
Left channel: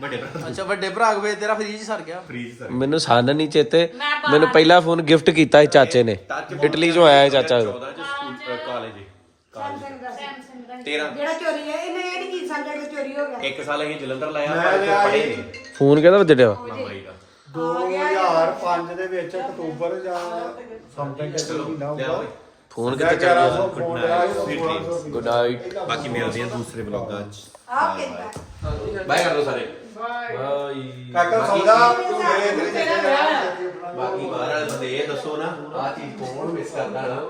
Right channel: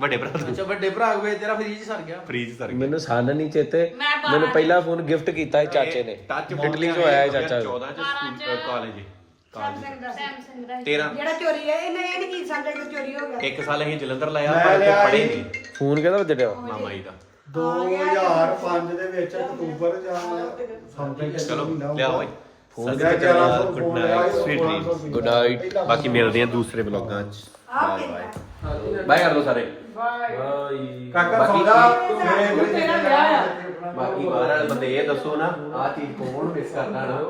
ਵੱਡੇ ਭਰਾ ਤੋਂ ਅੱਛਾ ਵੱਡੇ ਭਰਾ ਕੋਲ ਤੇਰਾ ਫ੍ਰੀਜ ਸੜ ਗਿਆ। ਫ੍ਰੀਜ ਸਰ ਮੈਨੂੰ ਸਾਨ ਨਹੀਂ ਚੇਤੇ। ਮੈਨੂੰ ਪਹਿਲਾ ਫੋਨ ਗਿਫਟ ਕੀਤਾ ਸੀ ਚਾਚੇ ਨੇ। ਇਟਲੀ ਚੋਂ ਆਇਆ ਹੈ ਚਾਚਾ 14 ਕਾਲਜ ਸੈਮਸੰਗ ਦਾ ਸੈਮਸੰਗ ਦਾ ਜਿਹੜਾ ਚੋਰੀ ਹੈ ਇਹਨਾਂ ਇਹ ਕੀ ਸੰਗਤ ਚੋਰੀ ਹੋ ਗਿਆ। ਇੱਕ ਸਾਲ ਅਸੀਂ ਜਲੰਧਰ ਲਾਇਆ ਫੋਨ ਕਿਹਦਾ ਵੱਜੜਿਆ 2005 ਦੇ। ਵਿੱਚ ਅਕਤੂਬਰ ਜਾਂ ਸੰਗਤ ਚਲੋ ਲਿਆ ਬਾਈ। ਫੋਨ ਕਿੱਥੇ ਚੱਲਦਾ ਬਾਕੀ ਮਿਲਦੇ ਆ ਦੂਸਰੇ ਬਾਏ ਬਾਏ ਬਾਏ ਕਰ ਦੋ ਸਾਰੇ ਕਾਕਾ ਬਾਕੀ ਸੌਦਾ ਬਾਕੀ ਬਾਹਰ ਵਾਲੇ ਬੰਦੇ ਇਹ ਦੱਸੋ ਨਾ ਆਹ ਚੀਜ਼ ਕੌਣ ਮਿਸ ਕਰਦਾ ਨਾ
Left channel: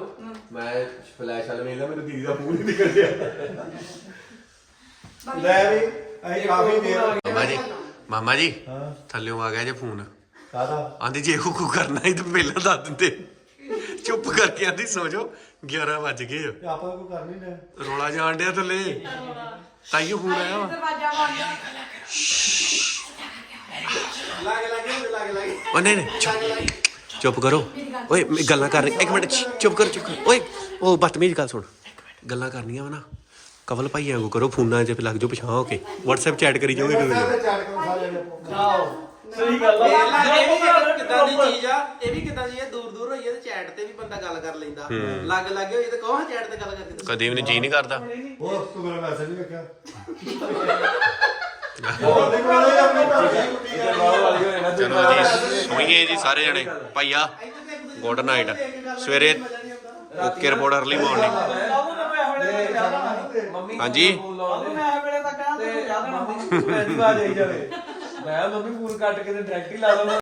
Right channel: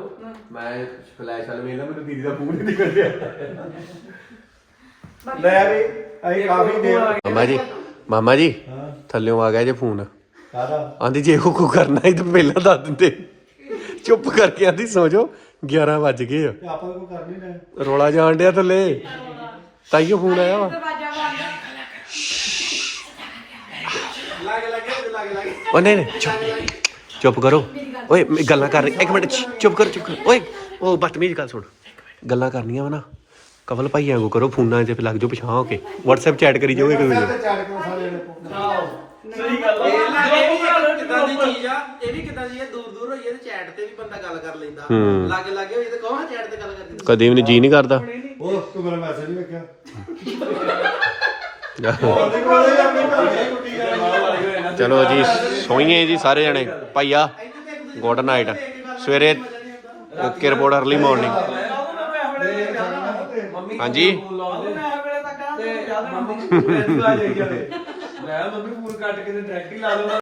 ਮੈਂ ਫਲੈਸ਼ ਵਾਲੇ ਵੇਲੇ ਮੈਨੂੰ ਦੀਦੀ ਦਾ ਮੂੰਹ ਨਹੀਂ ਨਿਕਲ ਰਿਹਾ ਲੈ ਵੀ ਅਸੀਂ ਕਾਫੀ ਦੇਰ ਮਾਮਾ ਜੀ ਮਾਮਾ ਜੀ ਥੱਲਿਓਂ ਆ ਗਿਆ ਜੇ ਫੋਨ ਕਾਦਾ ਆਂਦੀ ਜੇ ਉਹ ਕੋ ਕਰਨਾ ਹੀ ਤਾਂ ਪਹਿਲਾਂ ਦੱਸ ਦਿੰਦੇ ਚੁੱਪ ਕਰਕੇ ਆਂਦੀ ਸੋਚੋ 11 ਵੱਜ ਗਏ ਆ ਆਪਾਂ ਨੂੰ ਕੋਈ ਕਰਨੀ ਨਹੀਂ ਰੋਲਾ ਜਾਣ ਡਿਆ ਥੱਲੇ ਤਾਈਓ ਫੋਨ ਆਇਆ ਵਾ। ਉਹ ਨਹੀਂ ਨਹੀਂ ਚੁੱਪ। ਚੁੱਪ ਕਰੋ। ਓਏ ਮੈਂ ਗੱਲਾਂ ਕਰ ਇੱਕ ਮਿੰਟ ਛ, ਚੁੱਪ ਕਰੋ ਚੁੱਪ ਕਰੋ। ਓਏ ਉਹ ਬਦਤਮੀਜ਼ ਗੱਲ ਸੁਣ। ਗੱਲਾਂ ਕਰਨੀਆਂ ਵਾ ਨਾ। ਕਵਲ ਭਾਈਆਂ ਕੋ ਕਰੋ ਫੋਨਾਂ 'ਚ ਲੱਗ ਜਾਓ ਪਛਾਣ ਹੋ ਕੇ। WhatsApp ਚੈਟ ਕਰੀ ਇਹ ਵੀ ਇੱਕ ਕਿਦਾਂ ਦੀ ਚੀਜ਼ ਆ। ਇਹ ਵੀ ਕਿਦਾਂ ਦੀ ਇਹ ਦੂਰ ਦੂਰ ਹੋਈ ਹੈ ਤੇ ਚੈਟ ਤੇ ਵੀ ਬੰਦਾ ਗੱਲ ਕਰ ਲੈਂਦਾ। ਲਾਗੇ ਲਾਗੇ ਹੋਈ ਤੇ ਕਹੋ ਚੈਟ ਤੇ ਗੱਲ ਕਰਦੀ? ਕਦੇ ਵੀ ਜੀ ਨਹੀਂ ਕਰਦਾ। ਉਹ ਤੂੰ ਮੇਰਾ ਮੈਸੇਜ ਨਹੀਂ ਵੇਖਿਆ। ਚਲੋ ਜੀ ਸੋਈਏ ਜੀ ਸਾਰੇ ਜਣੇ। ਭਾਈਆ ਗੁੱਡ ਨਾਈਟ ਸਵੇਰੇ ਓਕੇ ਰਿਪੋਰਟ ਅਰਲੀ ਮਾਰਨਿੰਗ ਹਾਂਜੀ। ਮੈਂ ਮੰਮੀ ਫੋਨ ਕੱਟ ਕੇ ਤੇ ਡਾਇਰੈਕਟ ਹੀ ਲਾ ਲਵਾਂ